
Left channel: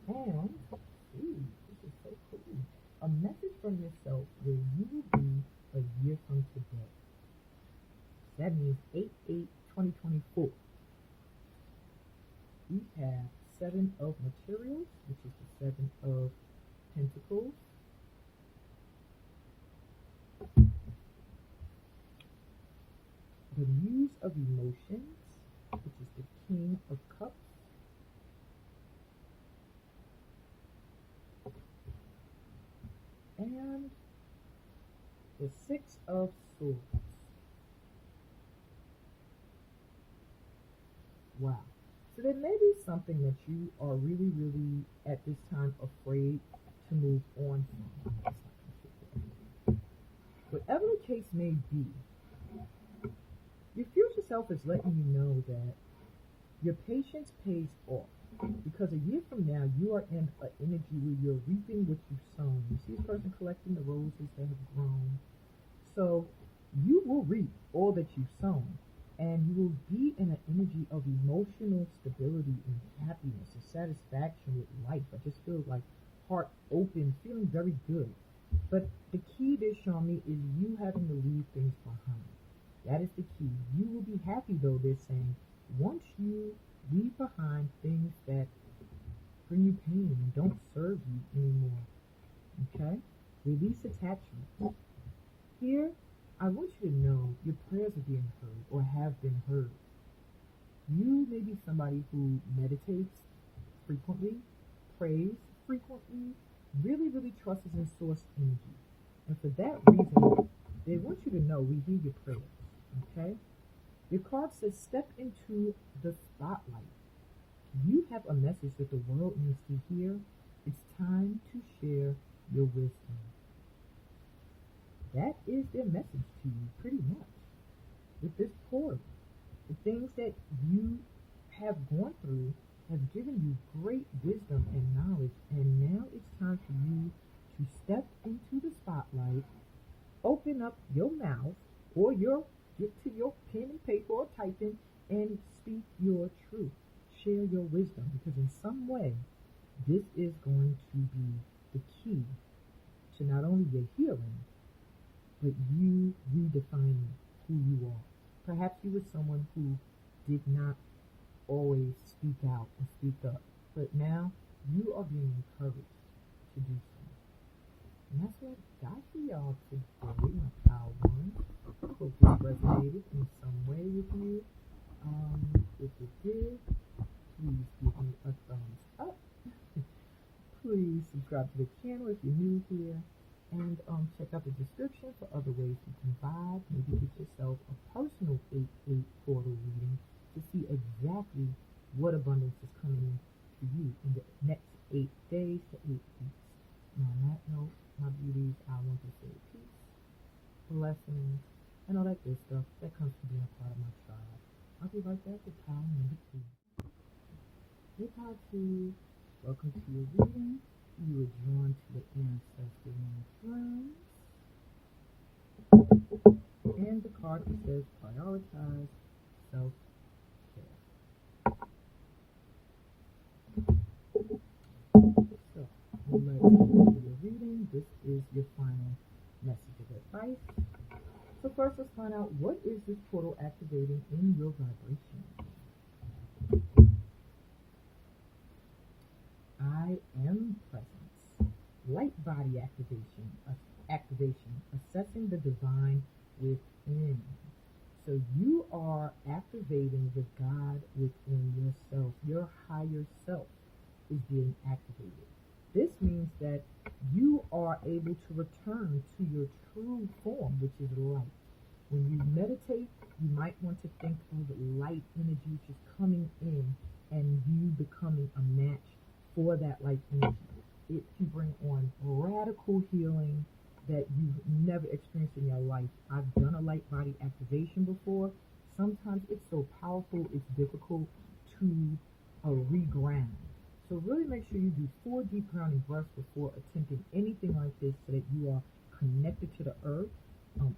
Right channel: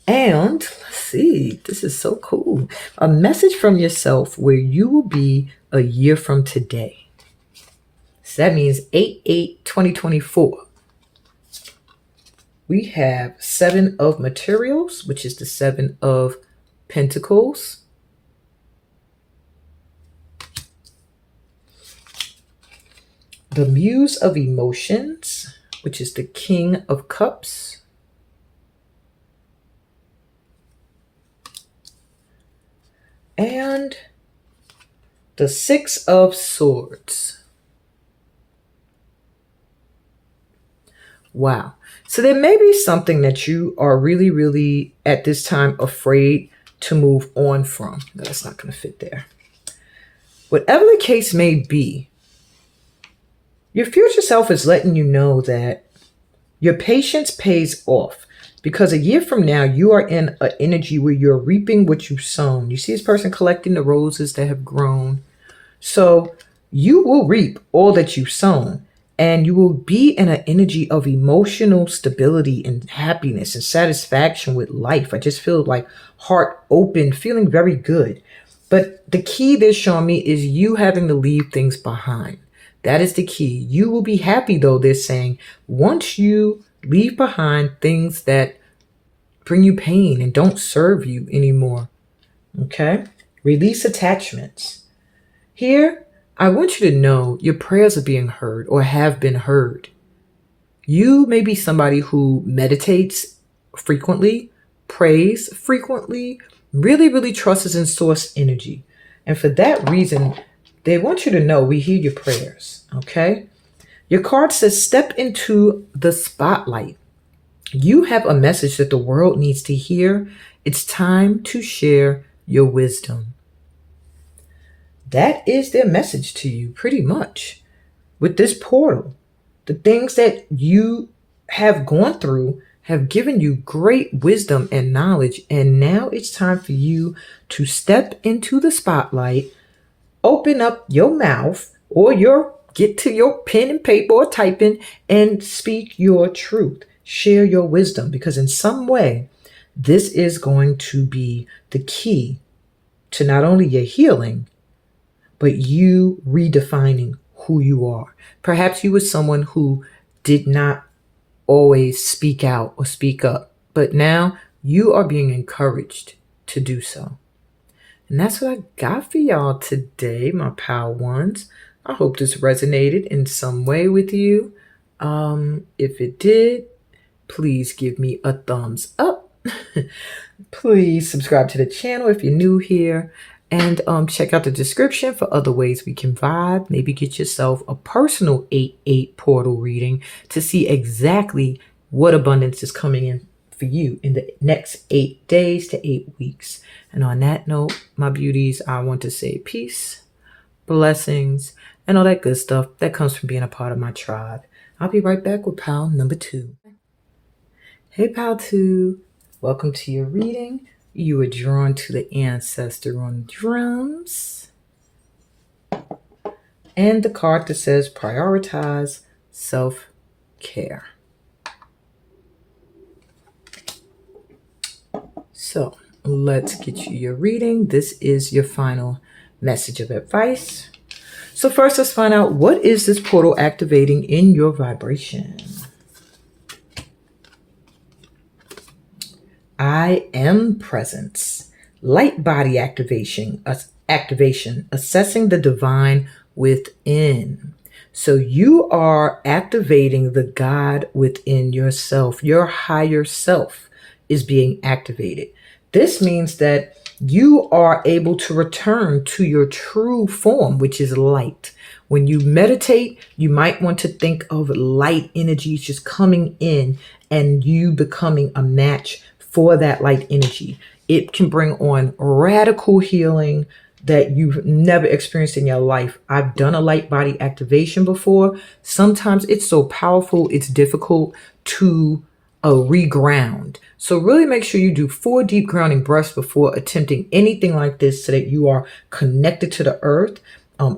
And let's see, this is so cool. A message from yourself where you will be a year from today. So that means 8/8/2024. We have 7 of materials, which is the 7 of pentacles. The muse of emotions, which is the King of Cups. And the 6 of Swords. Wow. So there may be something that you are really, really at this time afraid to move on from. No, that's not going to fit there. Whatever the case may be, your future self is letting you know that your patience pays off, because a year from now, you are in an energy where you're reaping what you've sown. You see this person collecting the roses that have grown. So you will reap all that you've sown. And you will be in an energy of emotional stability and happiness and satisfaction with life. I just feel like heart open, feeling very good. But the key they're showing me is you having to leave things behind. That is the key. You will be happy, though, they're saying, once you leave behind things that bring you pain and don't serve you anymore. Okay? Release attachments. Here, I want you to know your prayers are being heard or have been heard. You may be somebody who meditates frequently, prays frequently, really, really trusts in source energy. And for that reason, they want you to know we hear your prayers, okay? Your card says, step into the spotlight. You have a message that the world needs to hear. It's time to share your wisdom. That is their message to you, pretty much. With this portal, the things that you have gone through have given you great wisdom and knowledge. And now it's time for you to step into the spotlight, open up your mouth, or get to your pen and paper or typing and speak your truth. Share your wisdom, because in some way, this is going to be the key to not only your healing, but you redefining who you are. Perhaps you were someone who did not always speak out or speak up, but now you are being encouraged to do so. And that's what I got for y'all today, my pal ones. I hope this resonated in some way with you. If it did, please give me a thumbs up. Please subscribe to the channel if you're new here, and check out the description for other ways we can vibe. Maybe get yourself a personal 8/8 portal reading to see exactly what abundance is coming in for you in the next 8 days to 8 weeks. And on that note, my beauties, I want to say peace, blessings, and all that good stuff that comes from being a part of my tribe. I'll be right back with pal number 2. Hey, pal 2. Welcome to your reading. You were drawn to the ancestor on drums. And the card that says prioritize self-care. So let's get you your reading. This is your final message of advice. So first, let's find out, what is this portal activating in your vibration? I am presence, light body activation, assessing the divine within. So you are activating the God within yourself. Your higher self is being activated. This means that you are able to return to your true form, which is light. When you meditate, you might want to think of light energies just coming in and you becoming a match for that light energy. It can bring on radical healing that you've never experienced in your life. I've done a light body activation before. Sometimes it's so powerful, it's difficult to reground. So really make sure you do 4 deep grounding breaths before attempting anything like this so that you are connected to the earth.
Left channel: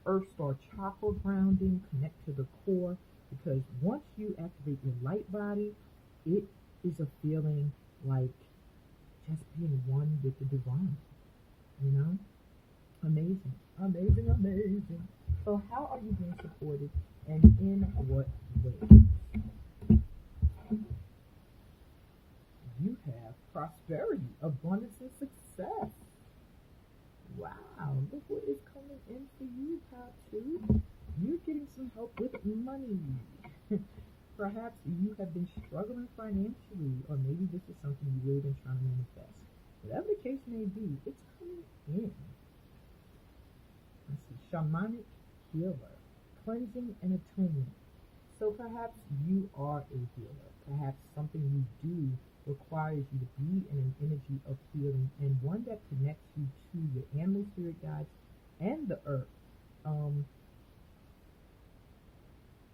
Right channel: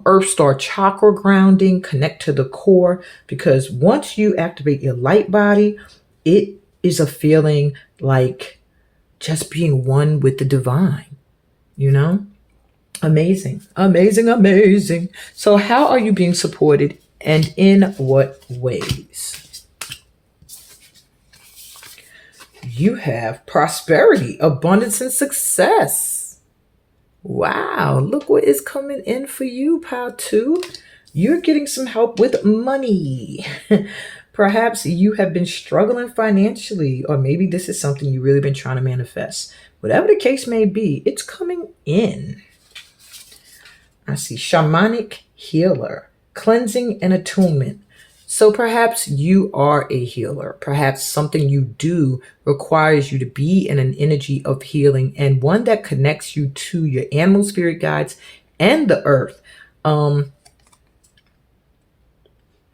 Earth star chakra grounding, connect to the core, because once you activate your light body, it is a feeling like just being one with the divine, you know? Amazing, amazing, amazing. So how are you being supported and in what ways? You have prosperity, abundance, and success. Wow, look what is coming in for you, pal 2. You're getting some help with money. Perhaps you have been struggling financially, or maybe this is something you've really been trying to manifest. Whatever the case may be, it's coming in. I see shamanic healer, cleansing and attunement. So perhaps you are a healer. Perhaps something you do requires you to be in an energy of healing, and one that connects you to your animal spirit guides and the earth.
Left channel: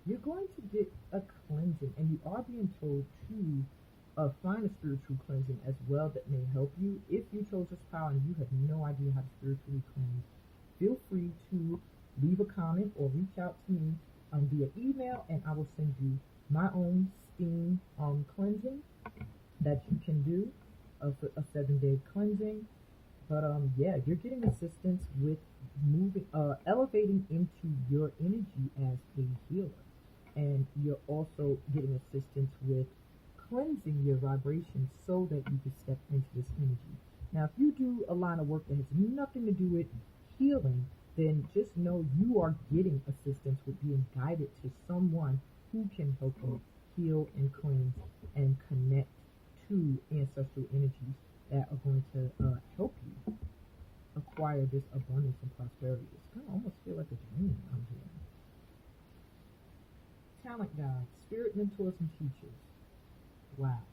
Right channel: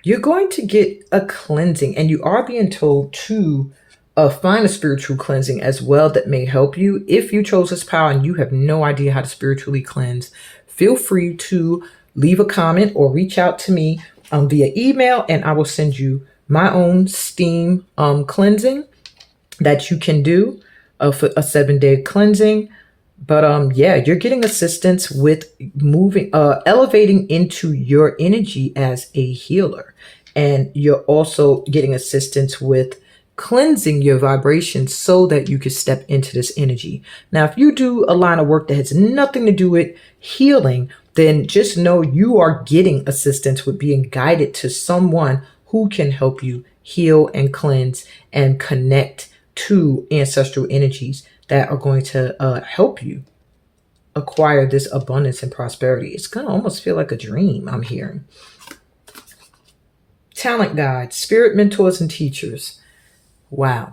You're going to get a cleansing, and you are being told to find a spiritual cleansing as well that may help you. If you chose this power and you have no idea how to spiritually cleanse, feel free to leave a comment or reach out to me via email, and I will send you my own steam cleansing that you can do for a 7-day cleansing. But yeah, you're getting assistance with moving, elevating into your energy as a healer. And you're also getting assistance with cleansing your vibrations so that you can step into this energy. Now, if you do a line of work that has nothing to do with healing, then just know you are getting assistance with being guided to someone who can help you heal and cleanse and connect to ancestral energies that are going to help you acquire this abundance and prosperity. It's going to almost feel like a dream, I'm hearing. Talent guides, spirit mentors, and teachers. Wow.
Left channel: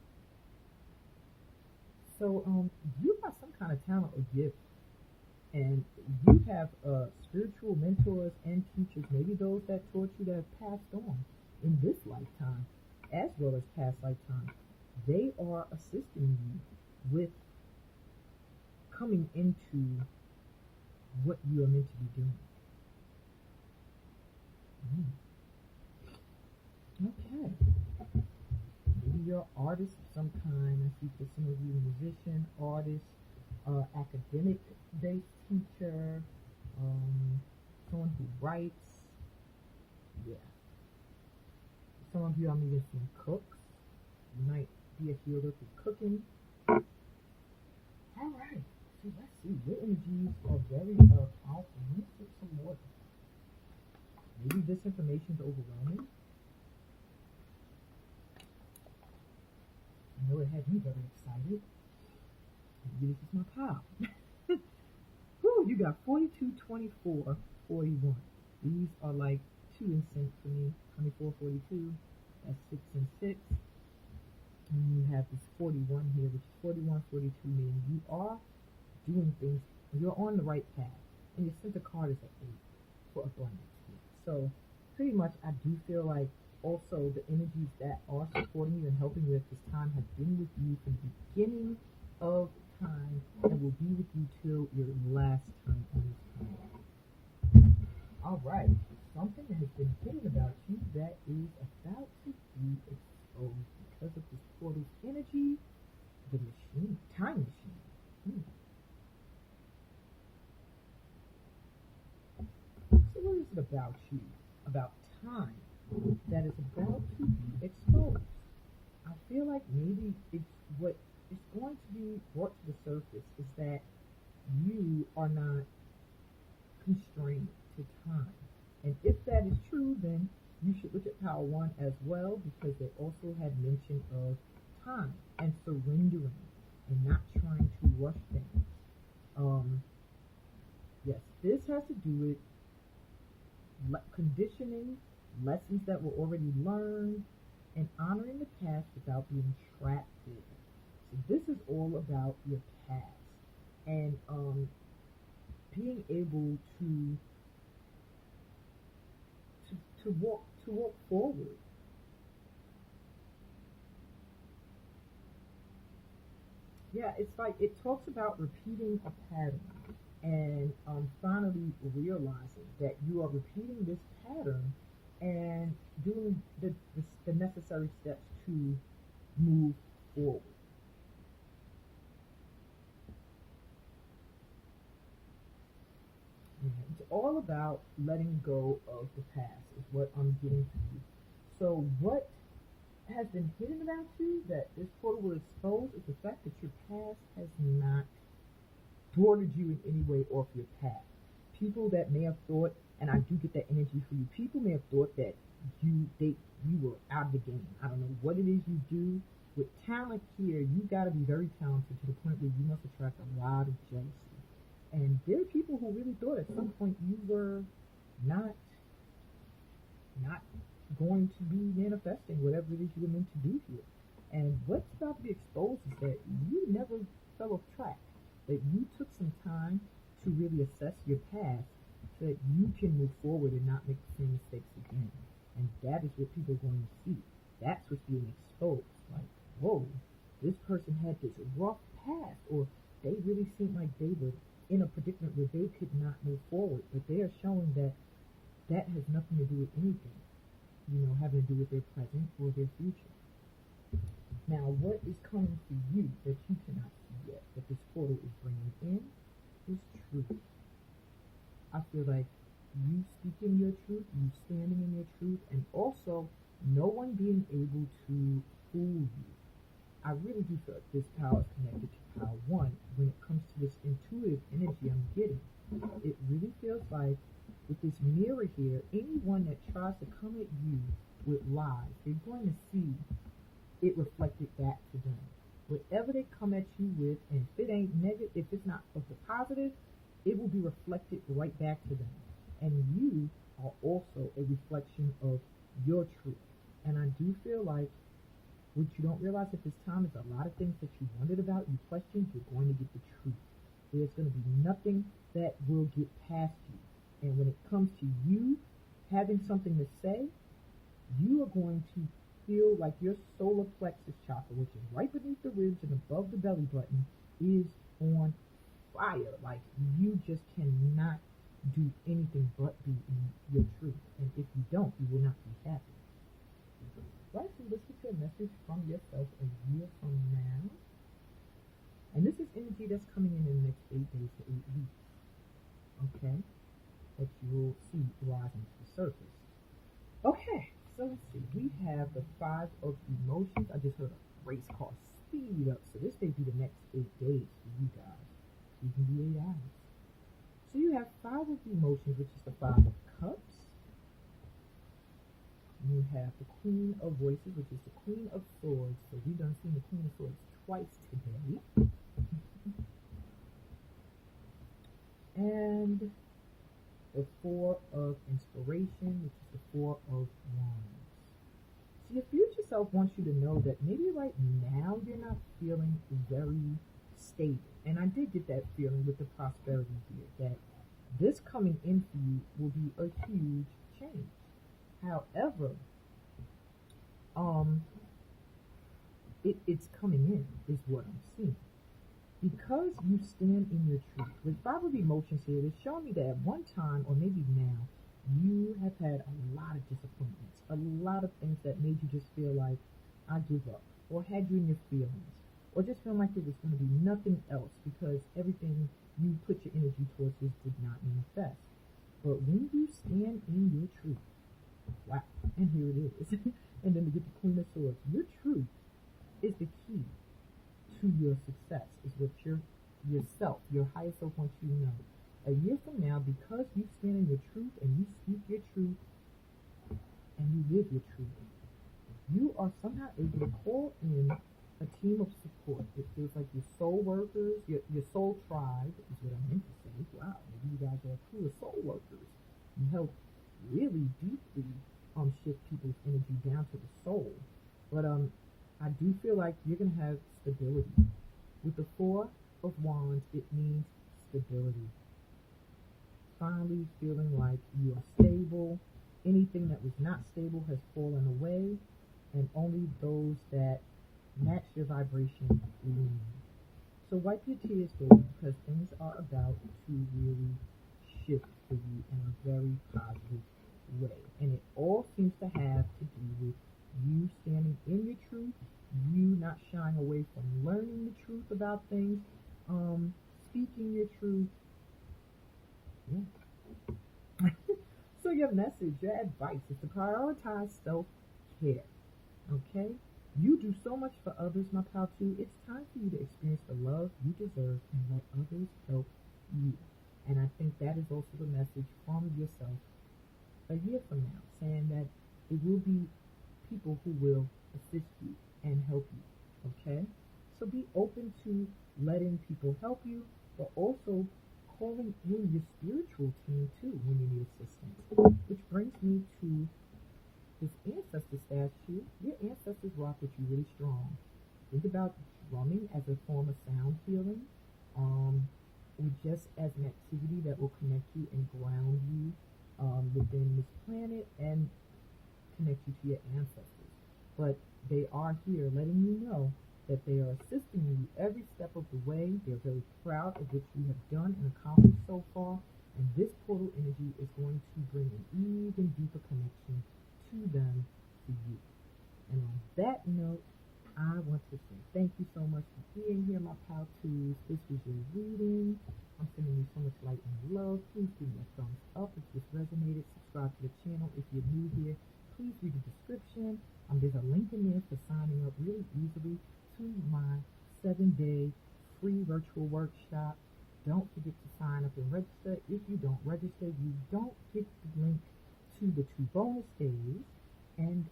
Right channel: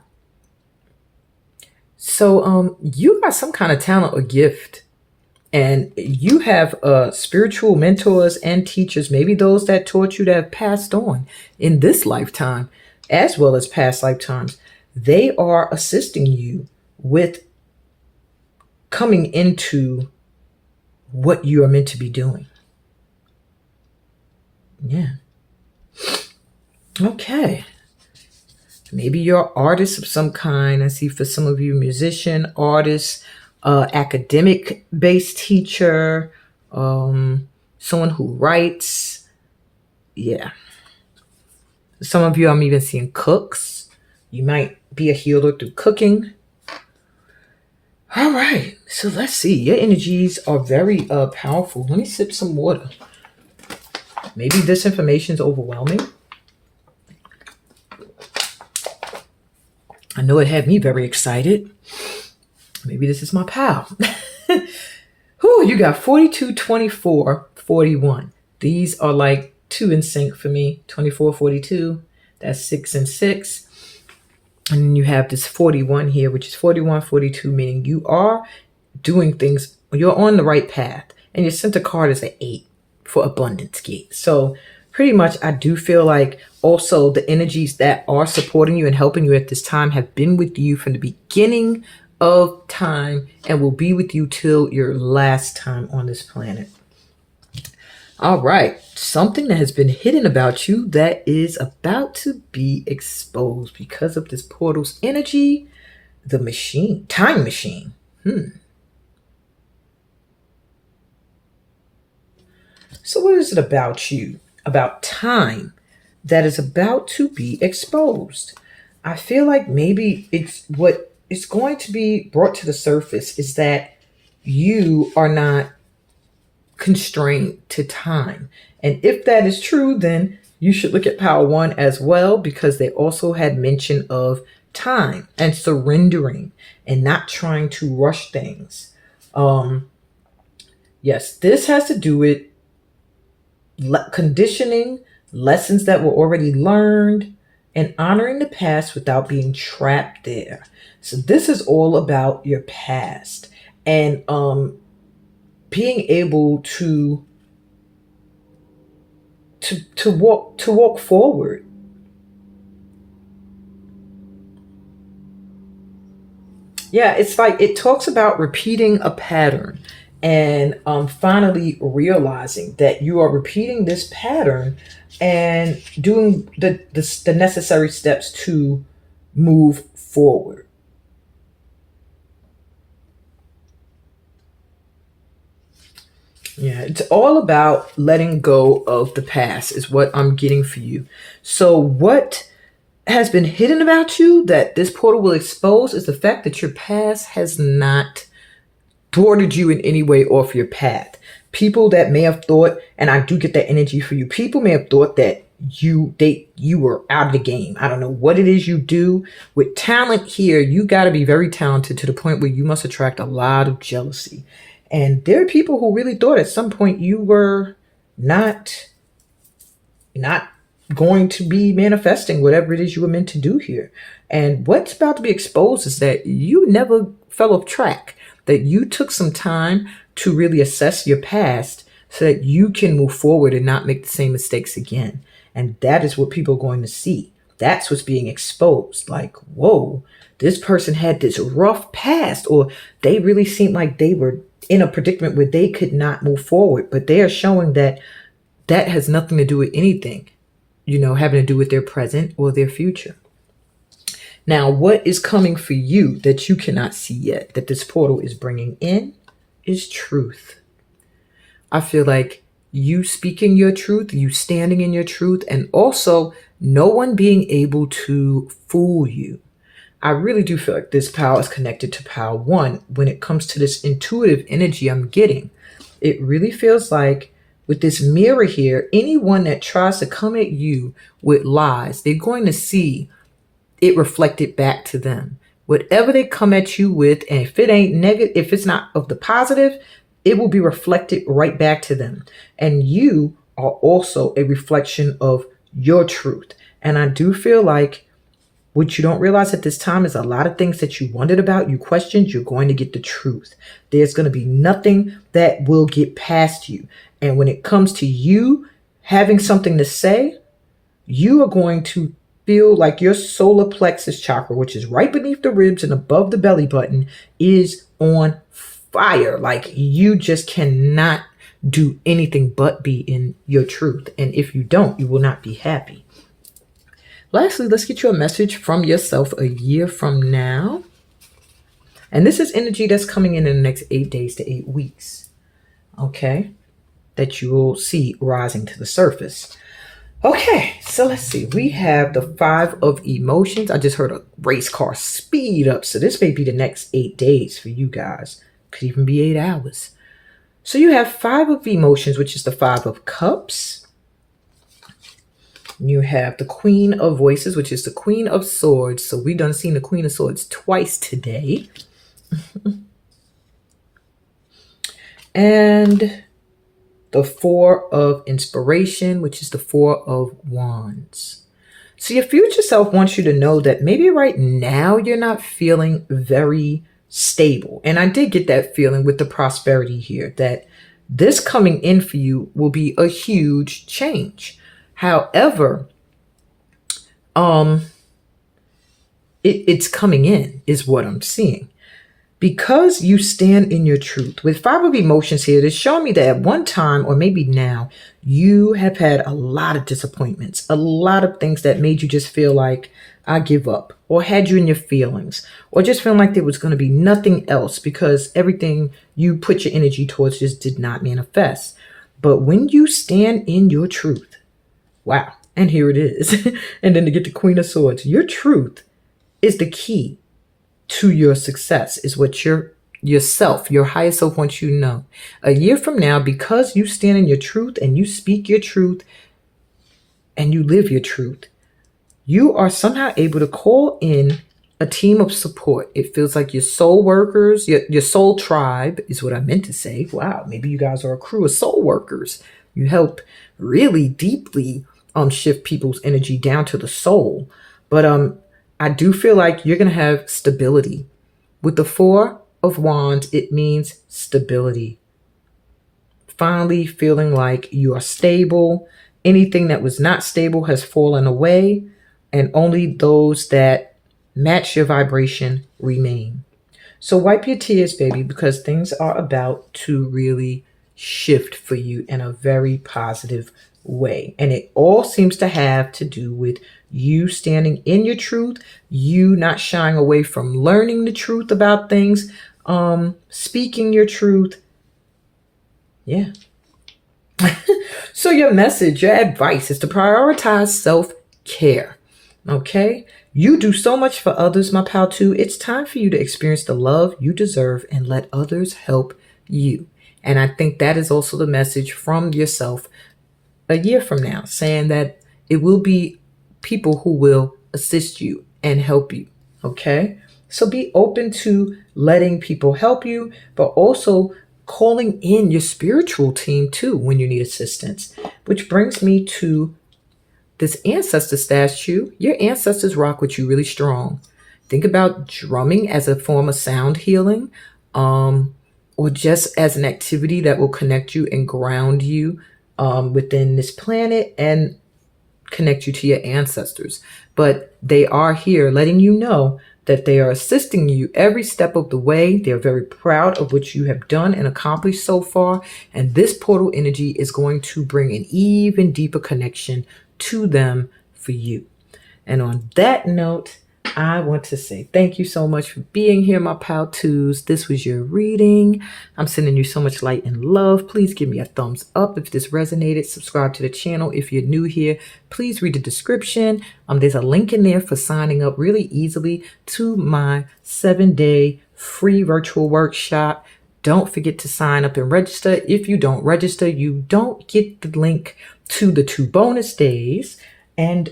So you got some kind of talent or gift, and you have spiritual mentors and teachers, maybe those that taught you, that have passed on in this lifetime as well as past lifetimes. They are assisting you with coming into what you are meant to be doing. Yeah. Okay. Maybe you're an artist of some kind. I see for some of you, musician, artist, academic-based teacher, someone who writes. Yeah. Some of you, I'm even seeing cooks. You might be a healer through cooking. All right. So let's see. Your energies are very powerful. Let me sip some water. Maybe this information is overwhelming. I know it had me very excited. Maybe this is my pal. Whew, you got 42, 24, 41. These are like 2 in sync for me. 24, 42. That's 6 and 6. And then you have this 41 here, which is 41, 42, meaning you are doing things, you're on the right path. And your center card is an 8 for abundance gate. So pretty much I do feel like also the energies that are supporting you and helping you at this time have been with you from the beginning of time and will be with you till your last time on this planet. All right, something that has been hidden about you that is about to be exposed because of this portal's energy, the machine, time machine. So what is it about you, about time, that is about to be exposed? I feel like maybe it's what is going to be brought to the surface is that you are not constrained to time. And if that is true, then you should look at Power One as well, because they also had mention of time and surrendering and not trying to rush things. Yes, this has to do with conditioning, lessons that were already learned, and honoring the past without being trapped there. So this is all about your past and being able to walk forward. Yeah, it's like it talks about repeating a pattern and finally realizing that you are repeating this pattern and doing the necessary steps to move forward. Yeah, it's all about letting go of the past, is what I'm getting for you. So, what has been hidden about you that this portal will expose is the fact that your past has not thwarted you in any way off your path. People that may have thought, and I do get that energy for you, people may have thought that you were out of the game. I don't know what it is you do. With talent here, you got to be very talented to the point where you must attract a lot of jealousy. And there are people who really thought at some point you were not going to be manifesting whatever it is you were meant to do here. And what's about to be exposed is that you never fell off track, that you took some time to really assess your past so that you can move forward and not make the same mistakes again. And that is what people are going to see. That's what's being exposed. Like, whoa, this person had this rough past, or they really seemed like they were in a predicament where they could not move forward. But they are showing that that has nothing to do with anything, having to do with their present or their future. Now, what is coming for you that you cannot see yet, that this portal is bringing in, is truth. I feel like you speaking your truth, you standing in your truth, and also no one being able to fool you. I really do feel like this power is connected to Power One when it comes to this intuitive energy I'm getting. It really feels like with this mirror here, anyone that tries to come at you with lies, they're going to see it reflected back to them. Whatever they come at you with, and if it ain't negative, if it's not of the positive, it will be reflected right back to them. And you are also a reflection of your truth. And I do feel like what you don't realize at this time is a lot of things that you wondered about, you questioned, you're going to get the truth. There's going to be nothing that will get past you. And when it comes to you having something to say, you are going to feel like your solar plexus chakra, which is right beneath the ribs and above the belly button, is on fire. Like you just cannot do anything but be in your truth. And if you don't, you will not be happy. Lastly, let's get you a message from yourself a year from now. And this is energy that's coming in the next 8 days to 8 weeks. Okay? That you will see rising to the surface. Okay, so let's see. We have the 5 of emotions. I just heard a race car speed up. So this may be the next 8 days for you guys. Could even be 8 hours. So you have 5 of emotions, which is the 5 of cups. You have the Queen of Voices, which is the Queen of Swords. So we done seen the Queen of Swords twice today. And the Four of Inspiration, which is the Four of Wands. So your future self wants you to know that maybe right now you're not feeling very stable. And I did get that feeling with the prosperity here, that this coming in for you will be a huge change. However, um, it's coming in is what I'm seeing. Because you stand in your truth. With Five of Emotions here, it's showing me that at one time, or maybe now, you have had a lot of disappointments, a lot of things that made you just feel like, I give up, or had you in your feelings, or just feeling like there was going to be nothing else because everything you put your energy towards just did not manifest. But when you stand in your truth, wow, and here it is. And then to get the Queen of Swords, your truth is the key to your success, is what yourself, your higher self wants you to know. A year from now, because you stand in your truth and you speak your truth and you live your truth, you are somehow able to call in a team of support. It feels like your soul workers, your soul tribe is what I meant to say. Wow, maybe you guys are a crew of soul workers. You help really deeply shift people's energy down to the soul. But I do feel like you're going to have stability. With the Four of Wands, it means stability. Finally feeling like you are stable. Anything that was not stable has fallen away, and only those that match your vibration remain. So wipe your tears, baby, because things are about to really shift for you in a very positive way. And it all seems to have to do with you standing in your truth, you not shying away from learning the truth about things, speaking your truth. Yeah. So your message, your advice is to prioritize self-care. Okay? You do so much for others, my pal, too. It's time for you to experience the love you deserve and let others help you. And I think that is also the message from yourself a year from now, saying that it will be people who will assist you and help you. Okay? So be open to letting people help you, but also calling in your spiritual team too when you need assistance. Which brings me to this ancestor statue. Your ancestors rock with you really strong. Think about drumming as a form of sound healing, or just as an activity that will connect you and ground you within this planet and connect you to your ancestors. But they are here letting you know that they are assisting you every step of the way. They're very proud of what you have done and accomplished so far. And this portal energy is going to bring an even deeper connection to them for you. And on that note, I want to say thank you so much for being here, my pal twos. This was your reading. I'm sending you so much light and love. Please give me a thumbs up if this resonated. Subscribe to the channel if you're new here. Please read the description. There's a link in there for signing up really easily to my 7-day free virtual workshop. Don't forget to sign up and register. If you don't register, you don't get the link to the 2 bonus days. And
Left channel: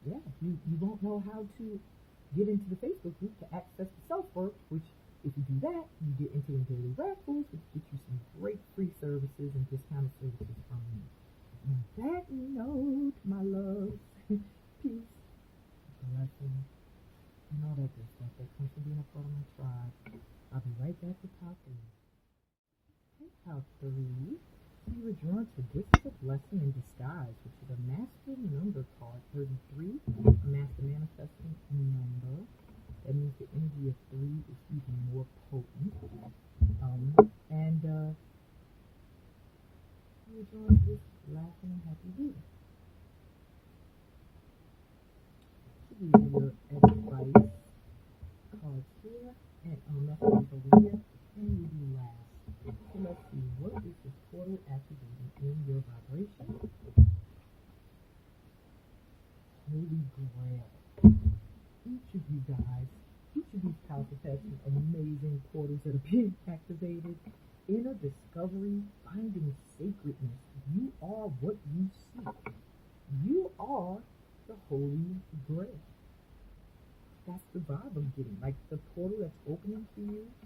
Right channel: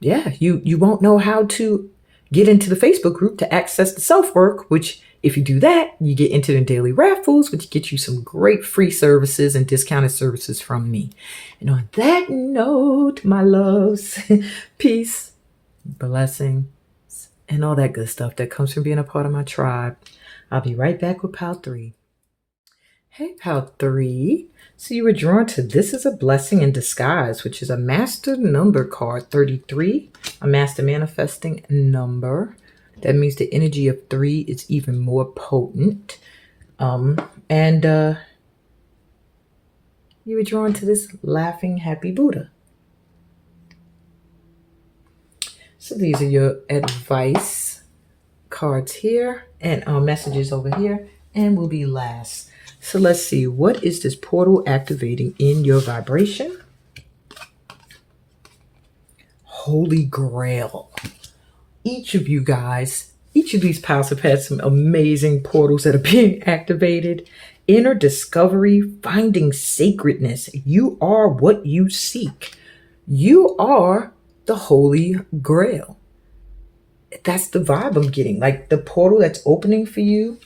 yeah, you won't know how to get into the Facebook group to access the self-work, which if you do that, you get into the daily raffles, which get you some great free services and discounted services from me. And on that note, my loves, peace, blessings, and all that good stuff that comes from being a part of my tribe. I'll be right back with Pal 3. Hey, Pal 3. So you were drawn to This Is a Blessing in Disguise, which is a master number card, 33, a master manifesting number. That means the energy of 3 is even more potent. And you were drawn to this laughing, happy Buddha. So these are your advice cards here and messages over here, and will be last. So let's see, what is this portal activating in your vibration? Holy Grail. Each of you guys, each of these pals have had some amazing portals that are being activated. Inner discovery, finding sacredness. You are what you seek. You are the Holy Grail. that's the vibe I'm getting. Like the portal that's opening for you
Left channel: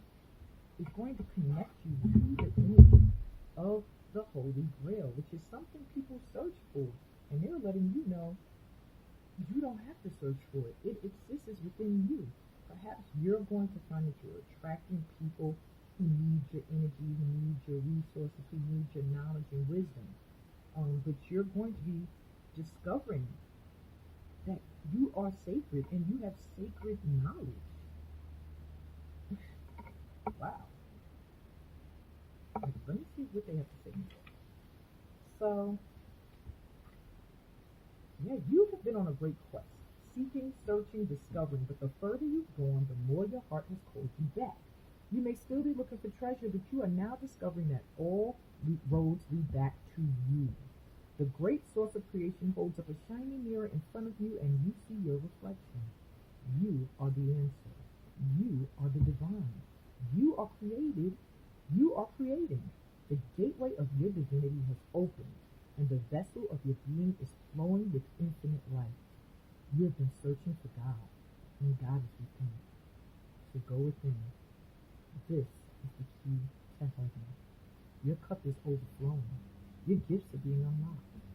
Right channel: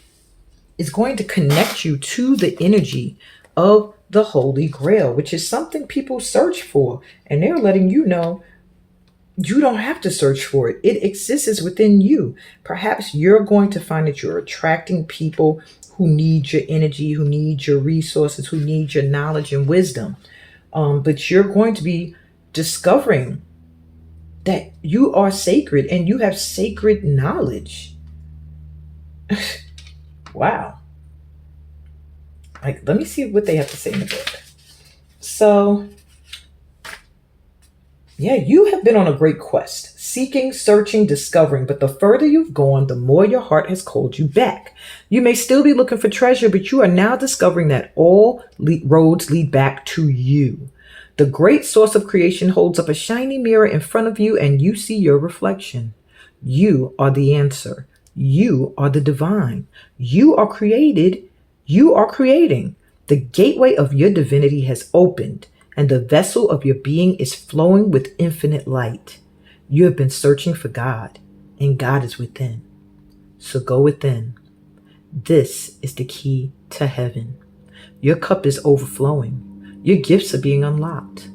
is going to connect you to the energy of the Holy Grail, which is something people search for. And they're letting you know you don't have to search for it. It exists within you. Perhaps you're going to find that you're attracting people who need your energy, who need your resources, who need your knowledge and wisdom. But you're going to be discovering that you are sacred and you have sacred knowledge. Wow. Like, let me see what they have to say in the book. So, yeah, you have been on a great quest, seeking, searching, discovering, but the further you've gone, the more your heart has called you back. You may still be looking for treasure, but you are now discovering that all roads lead back to you. The great source of creation holds up a shiny mirror in front of you, and you see your reflection. You are the answer. You are the divine. You are created. You are creating. The gateway of your divinity has opened, and the vessel of your being is flowing with infinite light. You have been searching for God, and God is within. So go within. This is the key to heaven. Your cup is overflowing. Your gifts are being unlocked.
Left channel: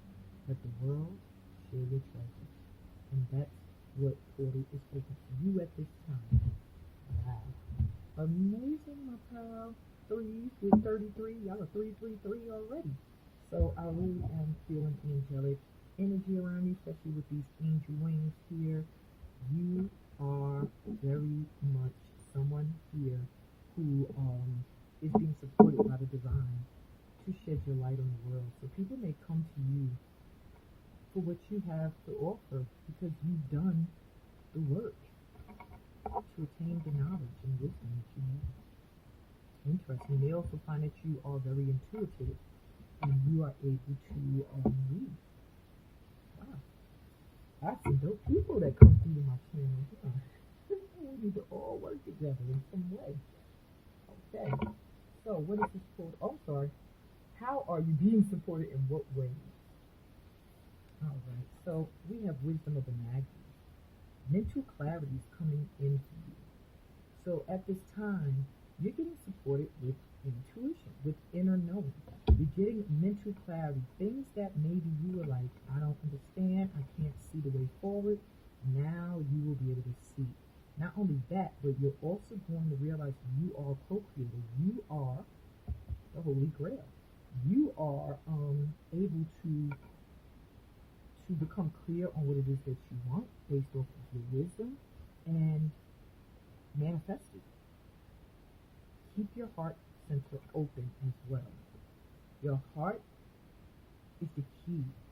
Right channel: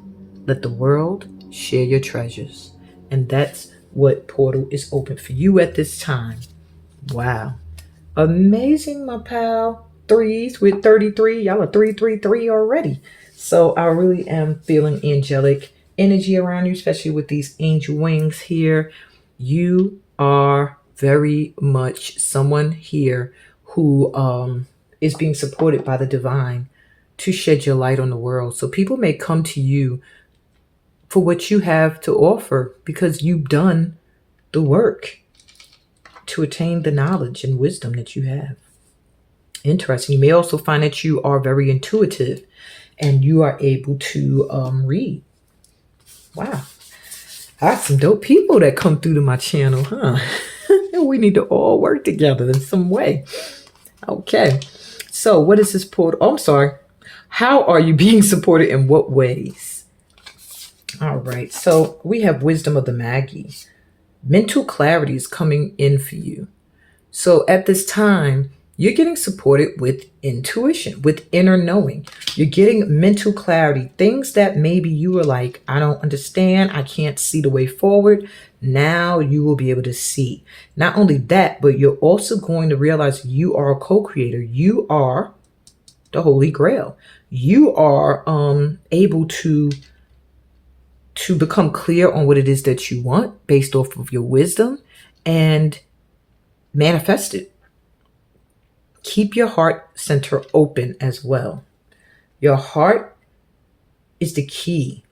Let the world share your treasures. And that's what portal is open for you at this time. Wow. Amazing, my pal. Threes with 33. Y'all are 333 already. So I really am feeling angelic energy around you, especially with these angel wings here. You are very much someone here who is being supported by the divine to shed your light on the world. So people may come to you for what you have to offer because you've done the work to attain the knowledge and wisdom that you have. Interesting. You may also find that you are very intuitive and you are able to read. Wow. I got some dope people that come through to my channel, huh? We need to all work together in some way. Okay. So what is this portal? Oh, I'm sorry. How are you being supported? In what ways? All right. So we have wisdom of the Magi. Mental clarity is coming in for you. So at this time, you're getting supported with intuition, with inner knowing. You're getting mental clarity, things that maybe you were like, I don't understand, I can't see the way forward. Now you will be able to see. Not only that, but you're also going to realize you are a co-creator. You are the Holy Grail. You are able to become clear on what it is that you want based off of your wisdom and manifest it. Keep your heart center open as well. Your heart is the key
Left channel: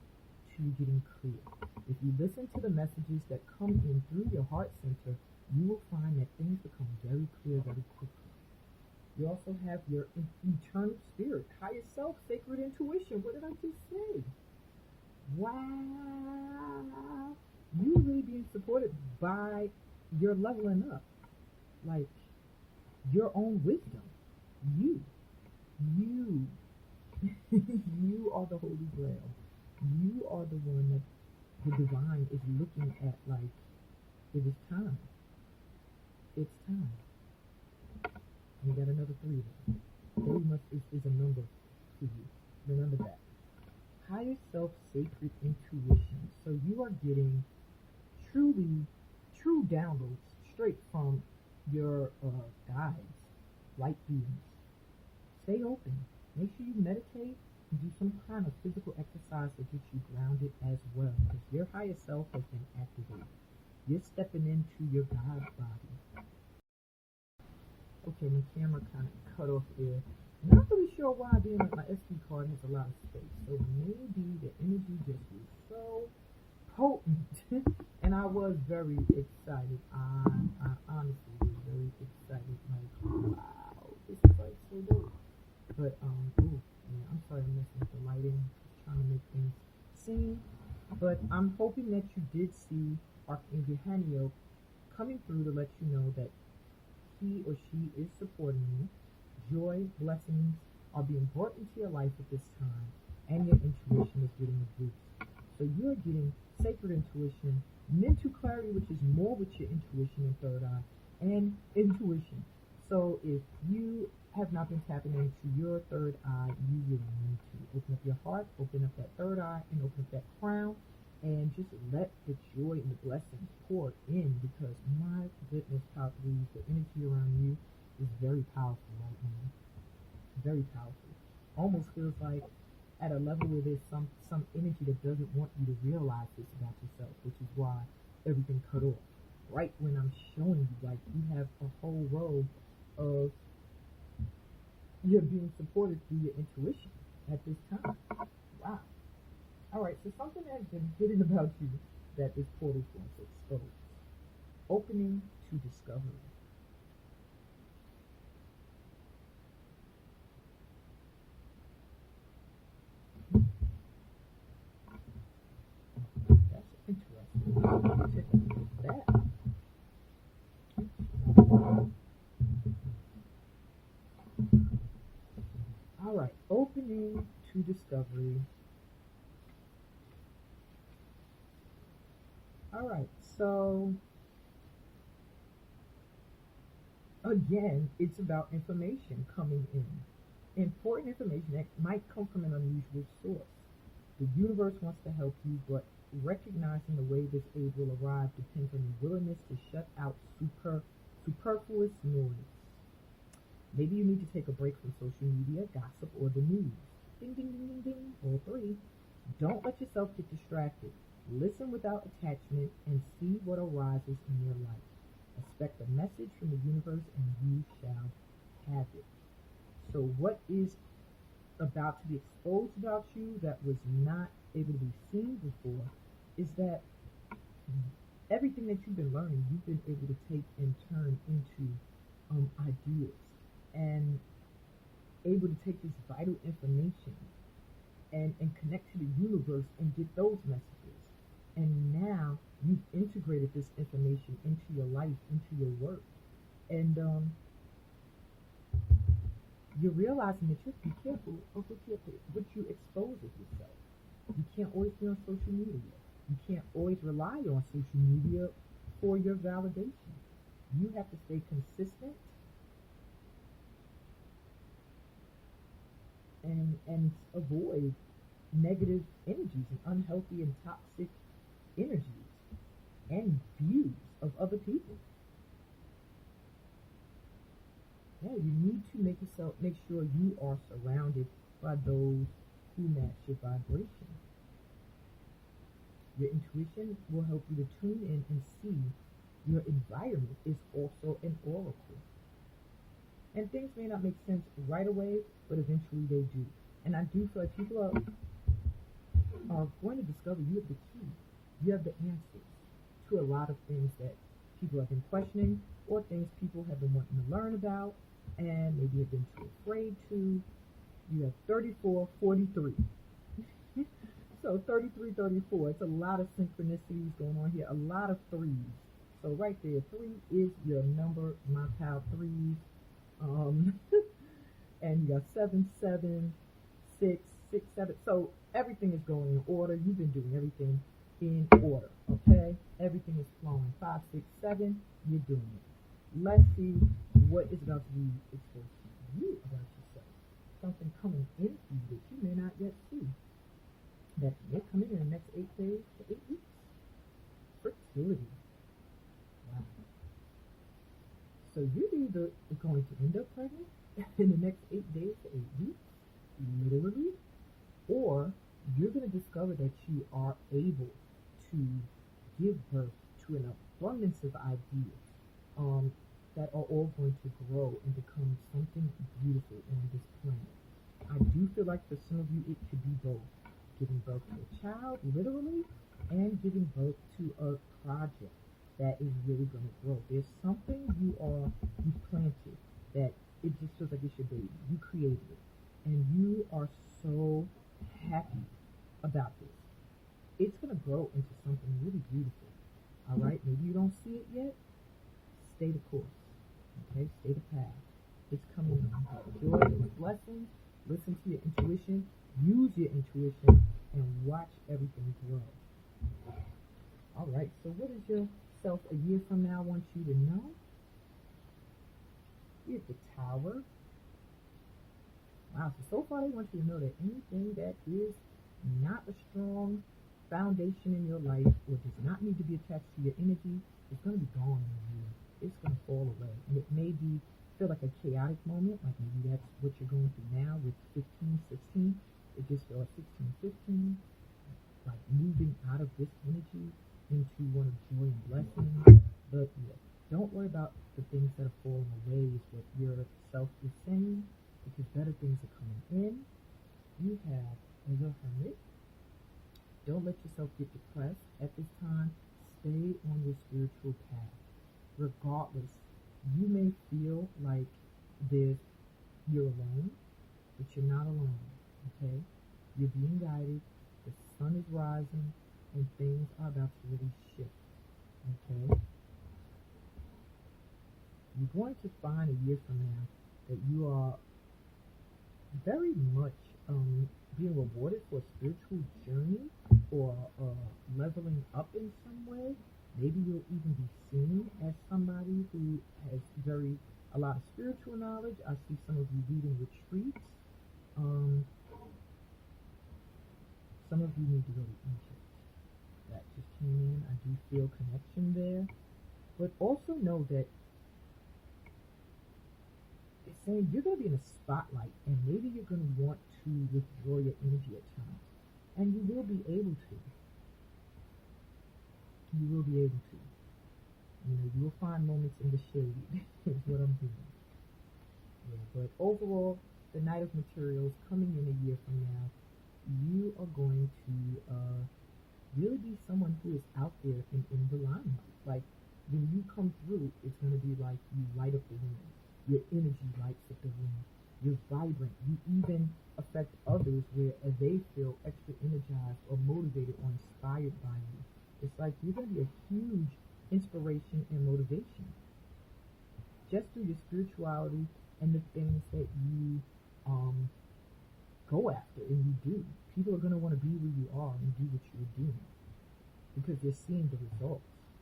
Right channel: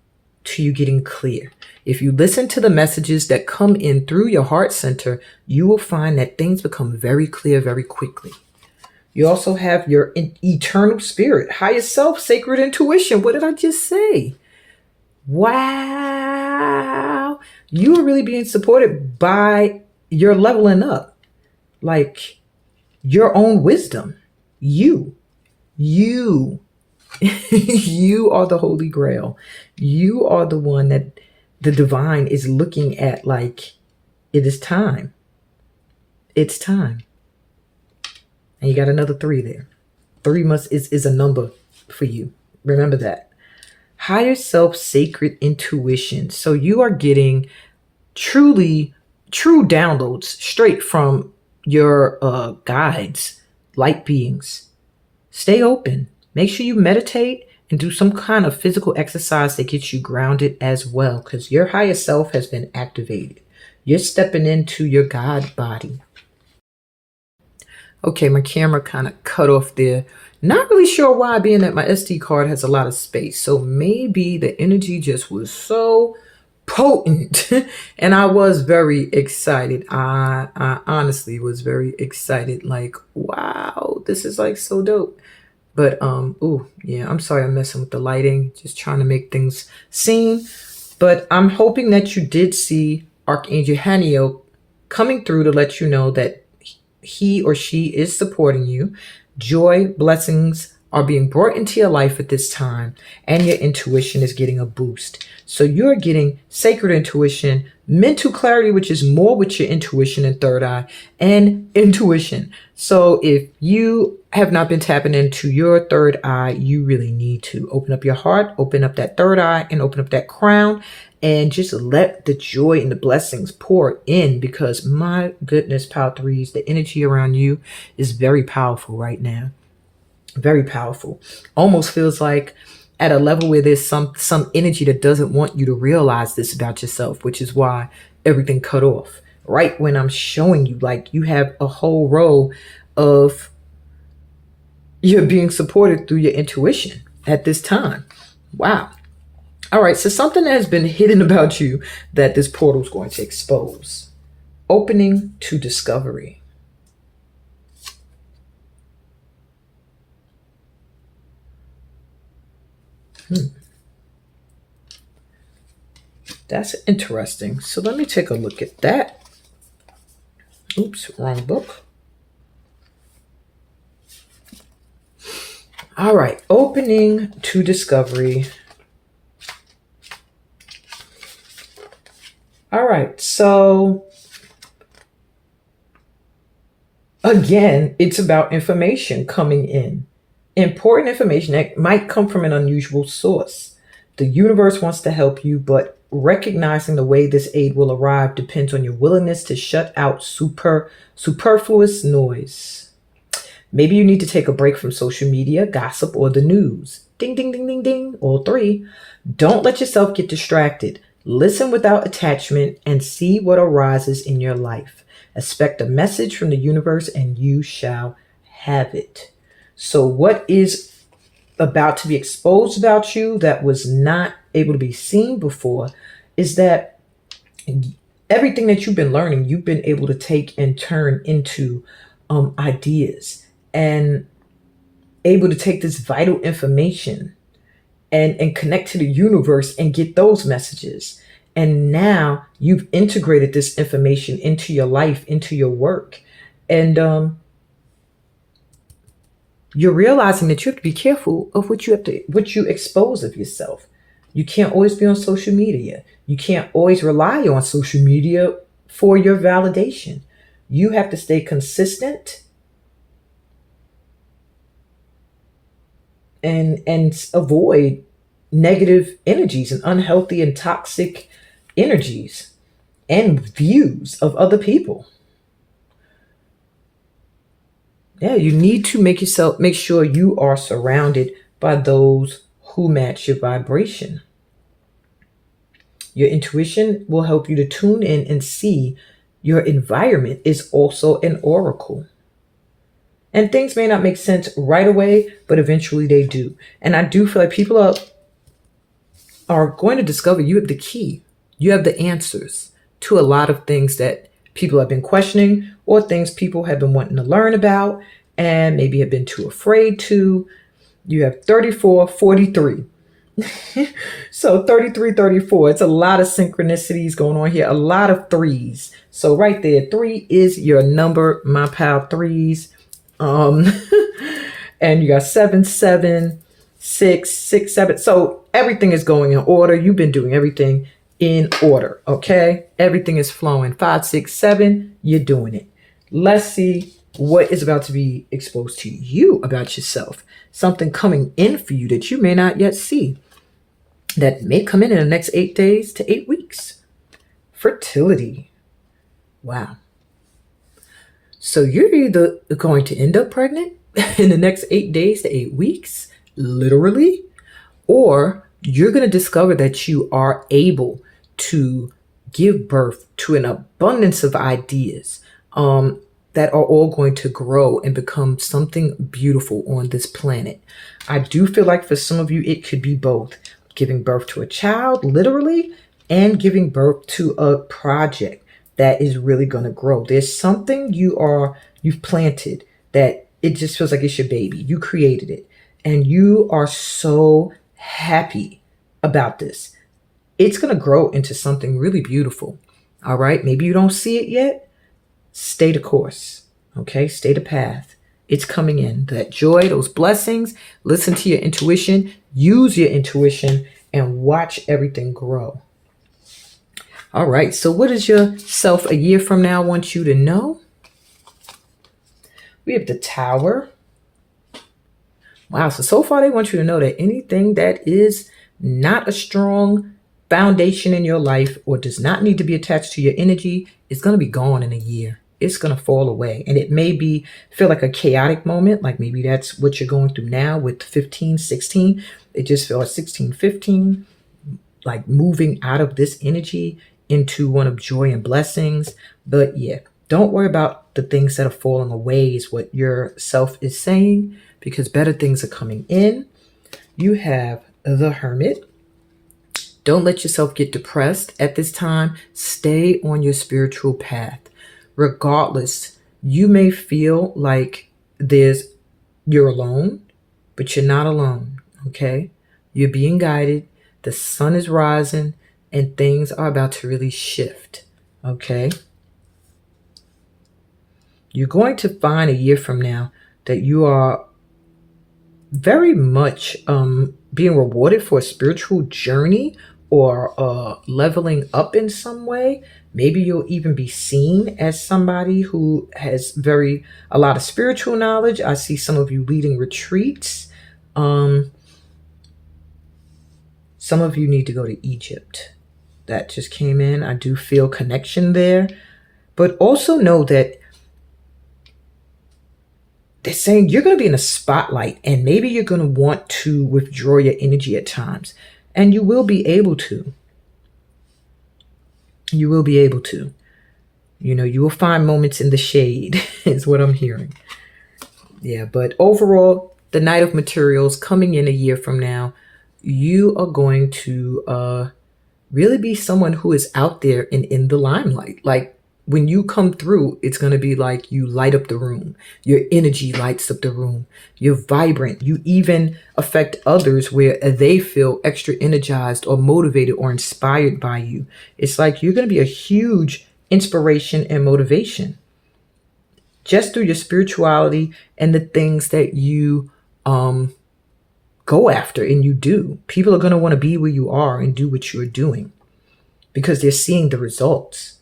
to you getting clear. If you listen to the messages that come in through your heart center, you will find that things become very clear very quickly. You also have your eternal spirit, higher self, sacred intuition. What did I just say? Wow. You are really being supported by your leveling up. Like your own wisdom. You you are the Holy Grail. You are the one that the divine is looking at like, it is time. It's time. And you got another 3 there. 3 is a number for you. Remember that. Higher self, sacred intuition. So you are getting true downloads straight from your guides, light beings. Stay open. Make sure you meditate and do some kind of physical exercise that gets you grounded as well, because your higher self has been activated. You're stepping into your God body. Okay, my camera kind of cut off there. Not really sure why, being that my SD card has a lot of space. So maybe the energy just was so potent and I was very excited. I honestly was very excited. Like, wow, this is like so dope. But oh yeah, I'm sorry I'm messing with the lighting, just trying to make things seen. But I'm hoping that you did see Archangel Haniel coming through to let you know that he or she is supporting you. Joy, blessings are being brought into your life at this time, and your intuition is getting a boost. So you're getting sacred intuition, mental clarity, which is more with your intuition and third eye, and intuition. So if you have not been tapping into your third eye, you really need to open up your heart, open up that third eye, and open up that crown, and just let the joy and the blessings pour in, because my goodness, Power Threes, the energy around you is very powerful right now. Very powerful. Almost feels like at a level where there's some energy that doesn't want you to realize this about yourself, which is why everything cut off right when I'm showing you, like, you have a whole row of you're being supported through your intuition at this time. Wow. All right, so something that has been hidden about you that this portal is going to expose. Opening to discovery. That's interesting. So let me take a look at that. Oops, wrong book. All right, opening to discovery. All right, so again, it's about information coming in. Important information that might come from an unusual source. The universe wants to help you, but recognizing the way this aid will arrive depends on your willingness to shut out superfluous noise. Maybe you need to take a break from social media, gossip, or the news. Ding, ding, ding, ding, ding, all three. Don't let yourself get distracted. Listen without attachment and see what arises in your life. Expect a message from the universe and you shall have it. So what is about to be exposed about you that was not able to be seen before is that everything that you've been learning, you've been able to take and turn into ideas, and able to take this vital information and connect to the universe and get those messages. And now you've integrated this information into your life, into your work. And you're realizing that you have to be careful of what you expose of yourself. You can't always be on social media. You can't always rely on social media for your validation. You have to stay consistent and avoid negative energies and unhealthy and toxic energies and views of other people. Yeah, you need to make sure you are surrounded by those who match your vibration. Your intuition will help you to tune in and see your environment is also an oracle. And things may not make sense right away, but eventually they do. And I do feel like people are going to discover you have the key. You have the answers to a lot of things that people have been questioning, or things people have been wanting to learn about and maybe have been too afraid to. You have 34, 43. So 33, 34. It's a lot of synchronicities going on here, a lot of threes. So right there, 3 is your number, my pal, threes. And you got 7, 7, 6, 6, 7. So everything is going in order. You've been doing everything in order. Okay. Everything is flowing. 5, 6, 7. You're doing it. Let's see what is about to be exposed to you about yourself. Something coming in for you that you may not yet see, that may come in the next 8 days to 8 weeks. Fertility. Wow. So you're either going to end up pregnant in the next 8 days to 8 weeks, literally, or you're going to discover that you are able to give birth to an abundance of ideas that are all going to grow and become something beautiful on this planet. I do feel like for some of you, it could be both. Giving birth to a child, literally, and giving birth to a project that is really going to grow. There's something you've planted that it just feels like it's your baby. You created it, and you are so happy about this. It's going to grow into something really beautiful. All right. Maybe you don't see it yet. Stay the course. Okay. Stay the path. It's coming in. That joy, those blessings. Listen to your intuition. Use your intuition and watch everything grow. All right. So what does yourself a year from now want you to know? We have the Tower. Wow. So far they want you to know that anything that is not a strong foundation in your life or does not need to be attached to your energy is going to be gone in a year. It's going to fall away. And it may feel like a chaotic moment. Like maybe that's what you're going through now with 15, 16. It just feels like 16, 15, like moving out of this energy into one of joy and blessings. But yeah, don't worry about the things that are falling away is what your self is saying, because better things are coming in. You have the Hermit. Don't let yourself get depressed at this time. Stay on your spiritual path. Regardless, you may feel like you're alone, but you're not alone, okay? You're being guided. The sun is rising and things are about to really shift, okay? You're going to find a year from now that you are very much being rewarded for a spiritual journey or leveling up in some way. Maybe you'll even be seen as somebody who has a lot of spiritual knowledge. I see some of you leading retreats. Some of you need to go to Egypt. That just came in. I do feel connection there. But also know that they're saying you're going to be in a spotlight and maybe you're going to want to withdraw your energy at times. And you will be able to. You will be able to. You know, you will find moments in the shade is what I'm hearing. Yeah, but overall, the Knight of Materials coming in a year from now, you are going to really be someone who is out there and in the limelight. Like when you come through, it's going to be like you light up the room. Your energy lights up the room. You're vibrant. You even affect others where they feel extra energized or motivated or inspired by you. It's like you're going to be a huge inspiration and motivation just through your spirituality and the things that you go after and you do. People are going to want to be where you are and do what you're doing because they're seeing the results.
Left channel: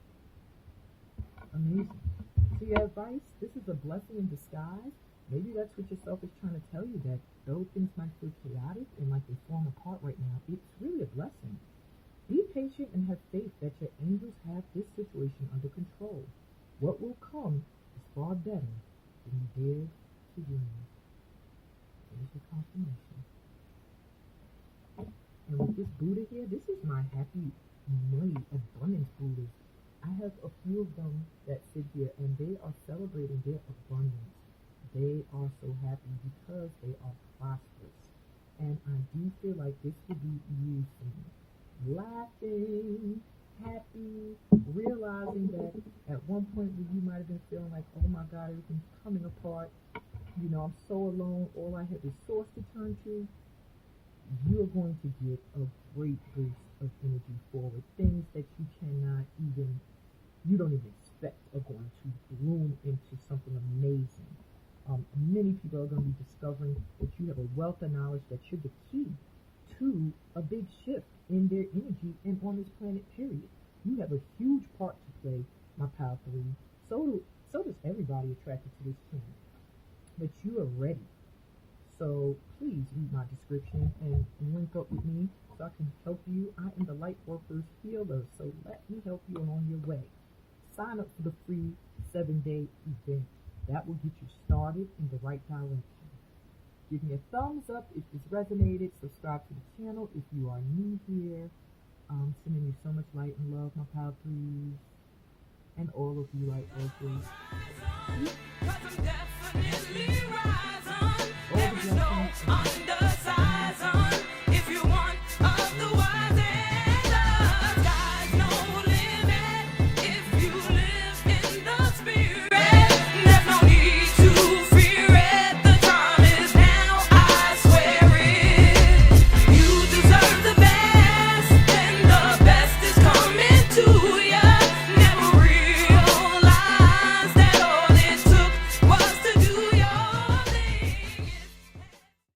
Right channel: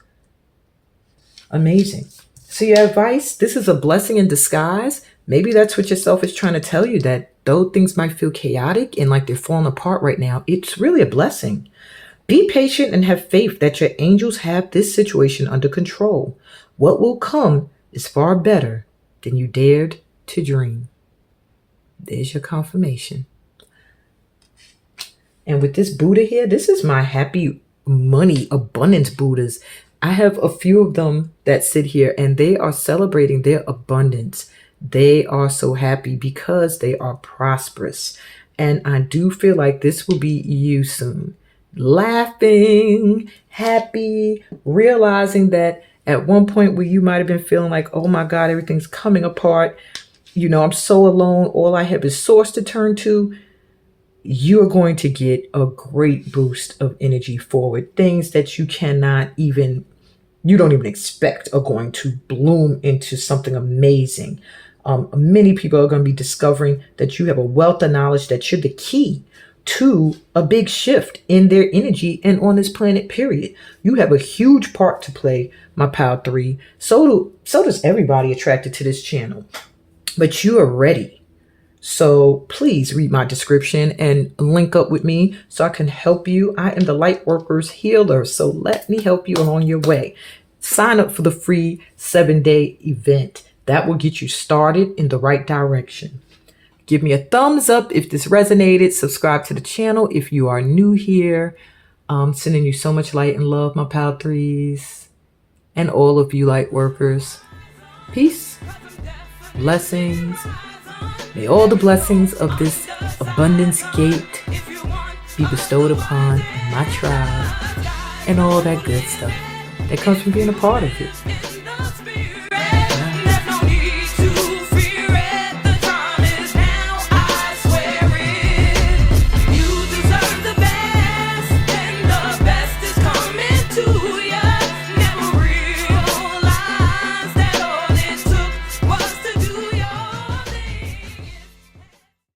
Amazing. So your advice, this is a blessing in disguise. Maybe that's what yourself is trying to tell you, that though things might feel chaotic and like they're falling apart right now, it's really a blessing. Be patient and have faith that your angels have this situation under control. What will come is far better than you dared to dream. There's your confirmation. And with this Buddha here, this is my happy money abundance Buddhas. I have a few of them that sit here and they are celebrating their abundance. They are so happy because they are prosperous. And I do feel like this will be you soon. Laughing, happy, realizing that at one point where you might have been feeling like, oh my God, everything's coming apart. You know, I'm so alone. All I have is source to turn to. You are going to get a great boost of energy forward. Things that you don't even expect are going to bloom into something amazing. Many people are going to be discovering that you have a wealth of knowledge, that you're the key to a big shift in their energy and on this planet, period. You have a huge part to play, my Pal 3. So does everybody attracted to this channel. But you are ready. So please read my description and link up with me so I can help you. I am the Lightworkers healer, so let me help you along your way. Sign up for the free 7-day event. That will get you started in the right direction. Give me a thumbs up if this resonated. Subscribe to the channel if you are new here. Sending you so much light and love, my Pal 3s, and all of you Lightworkers. Peace, blessings. May all the blessings of this abundance gate be bestowed upon my tribe and all that good stuff that comes from being a part of it.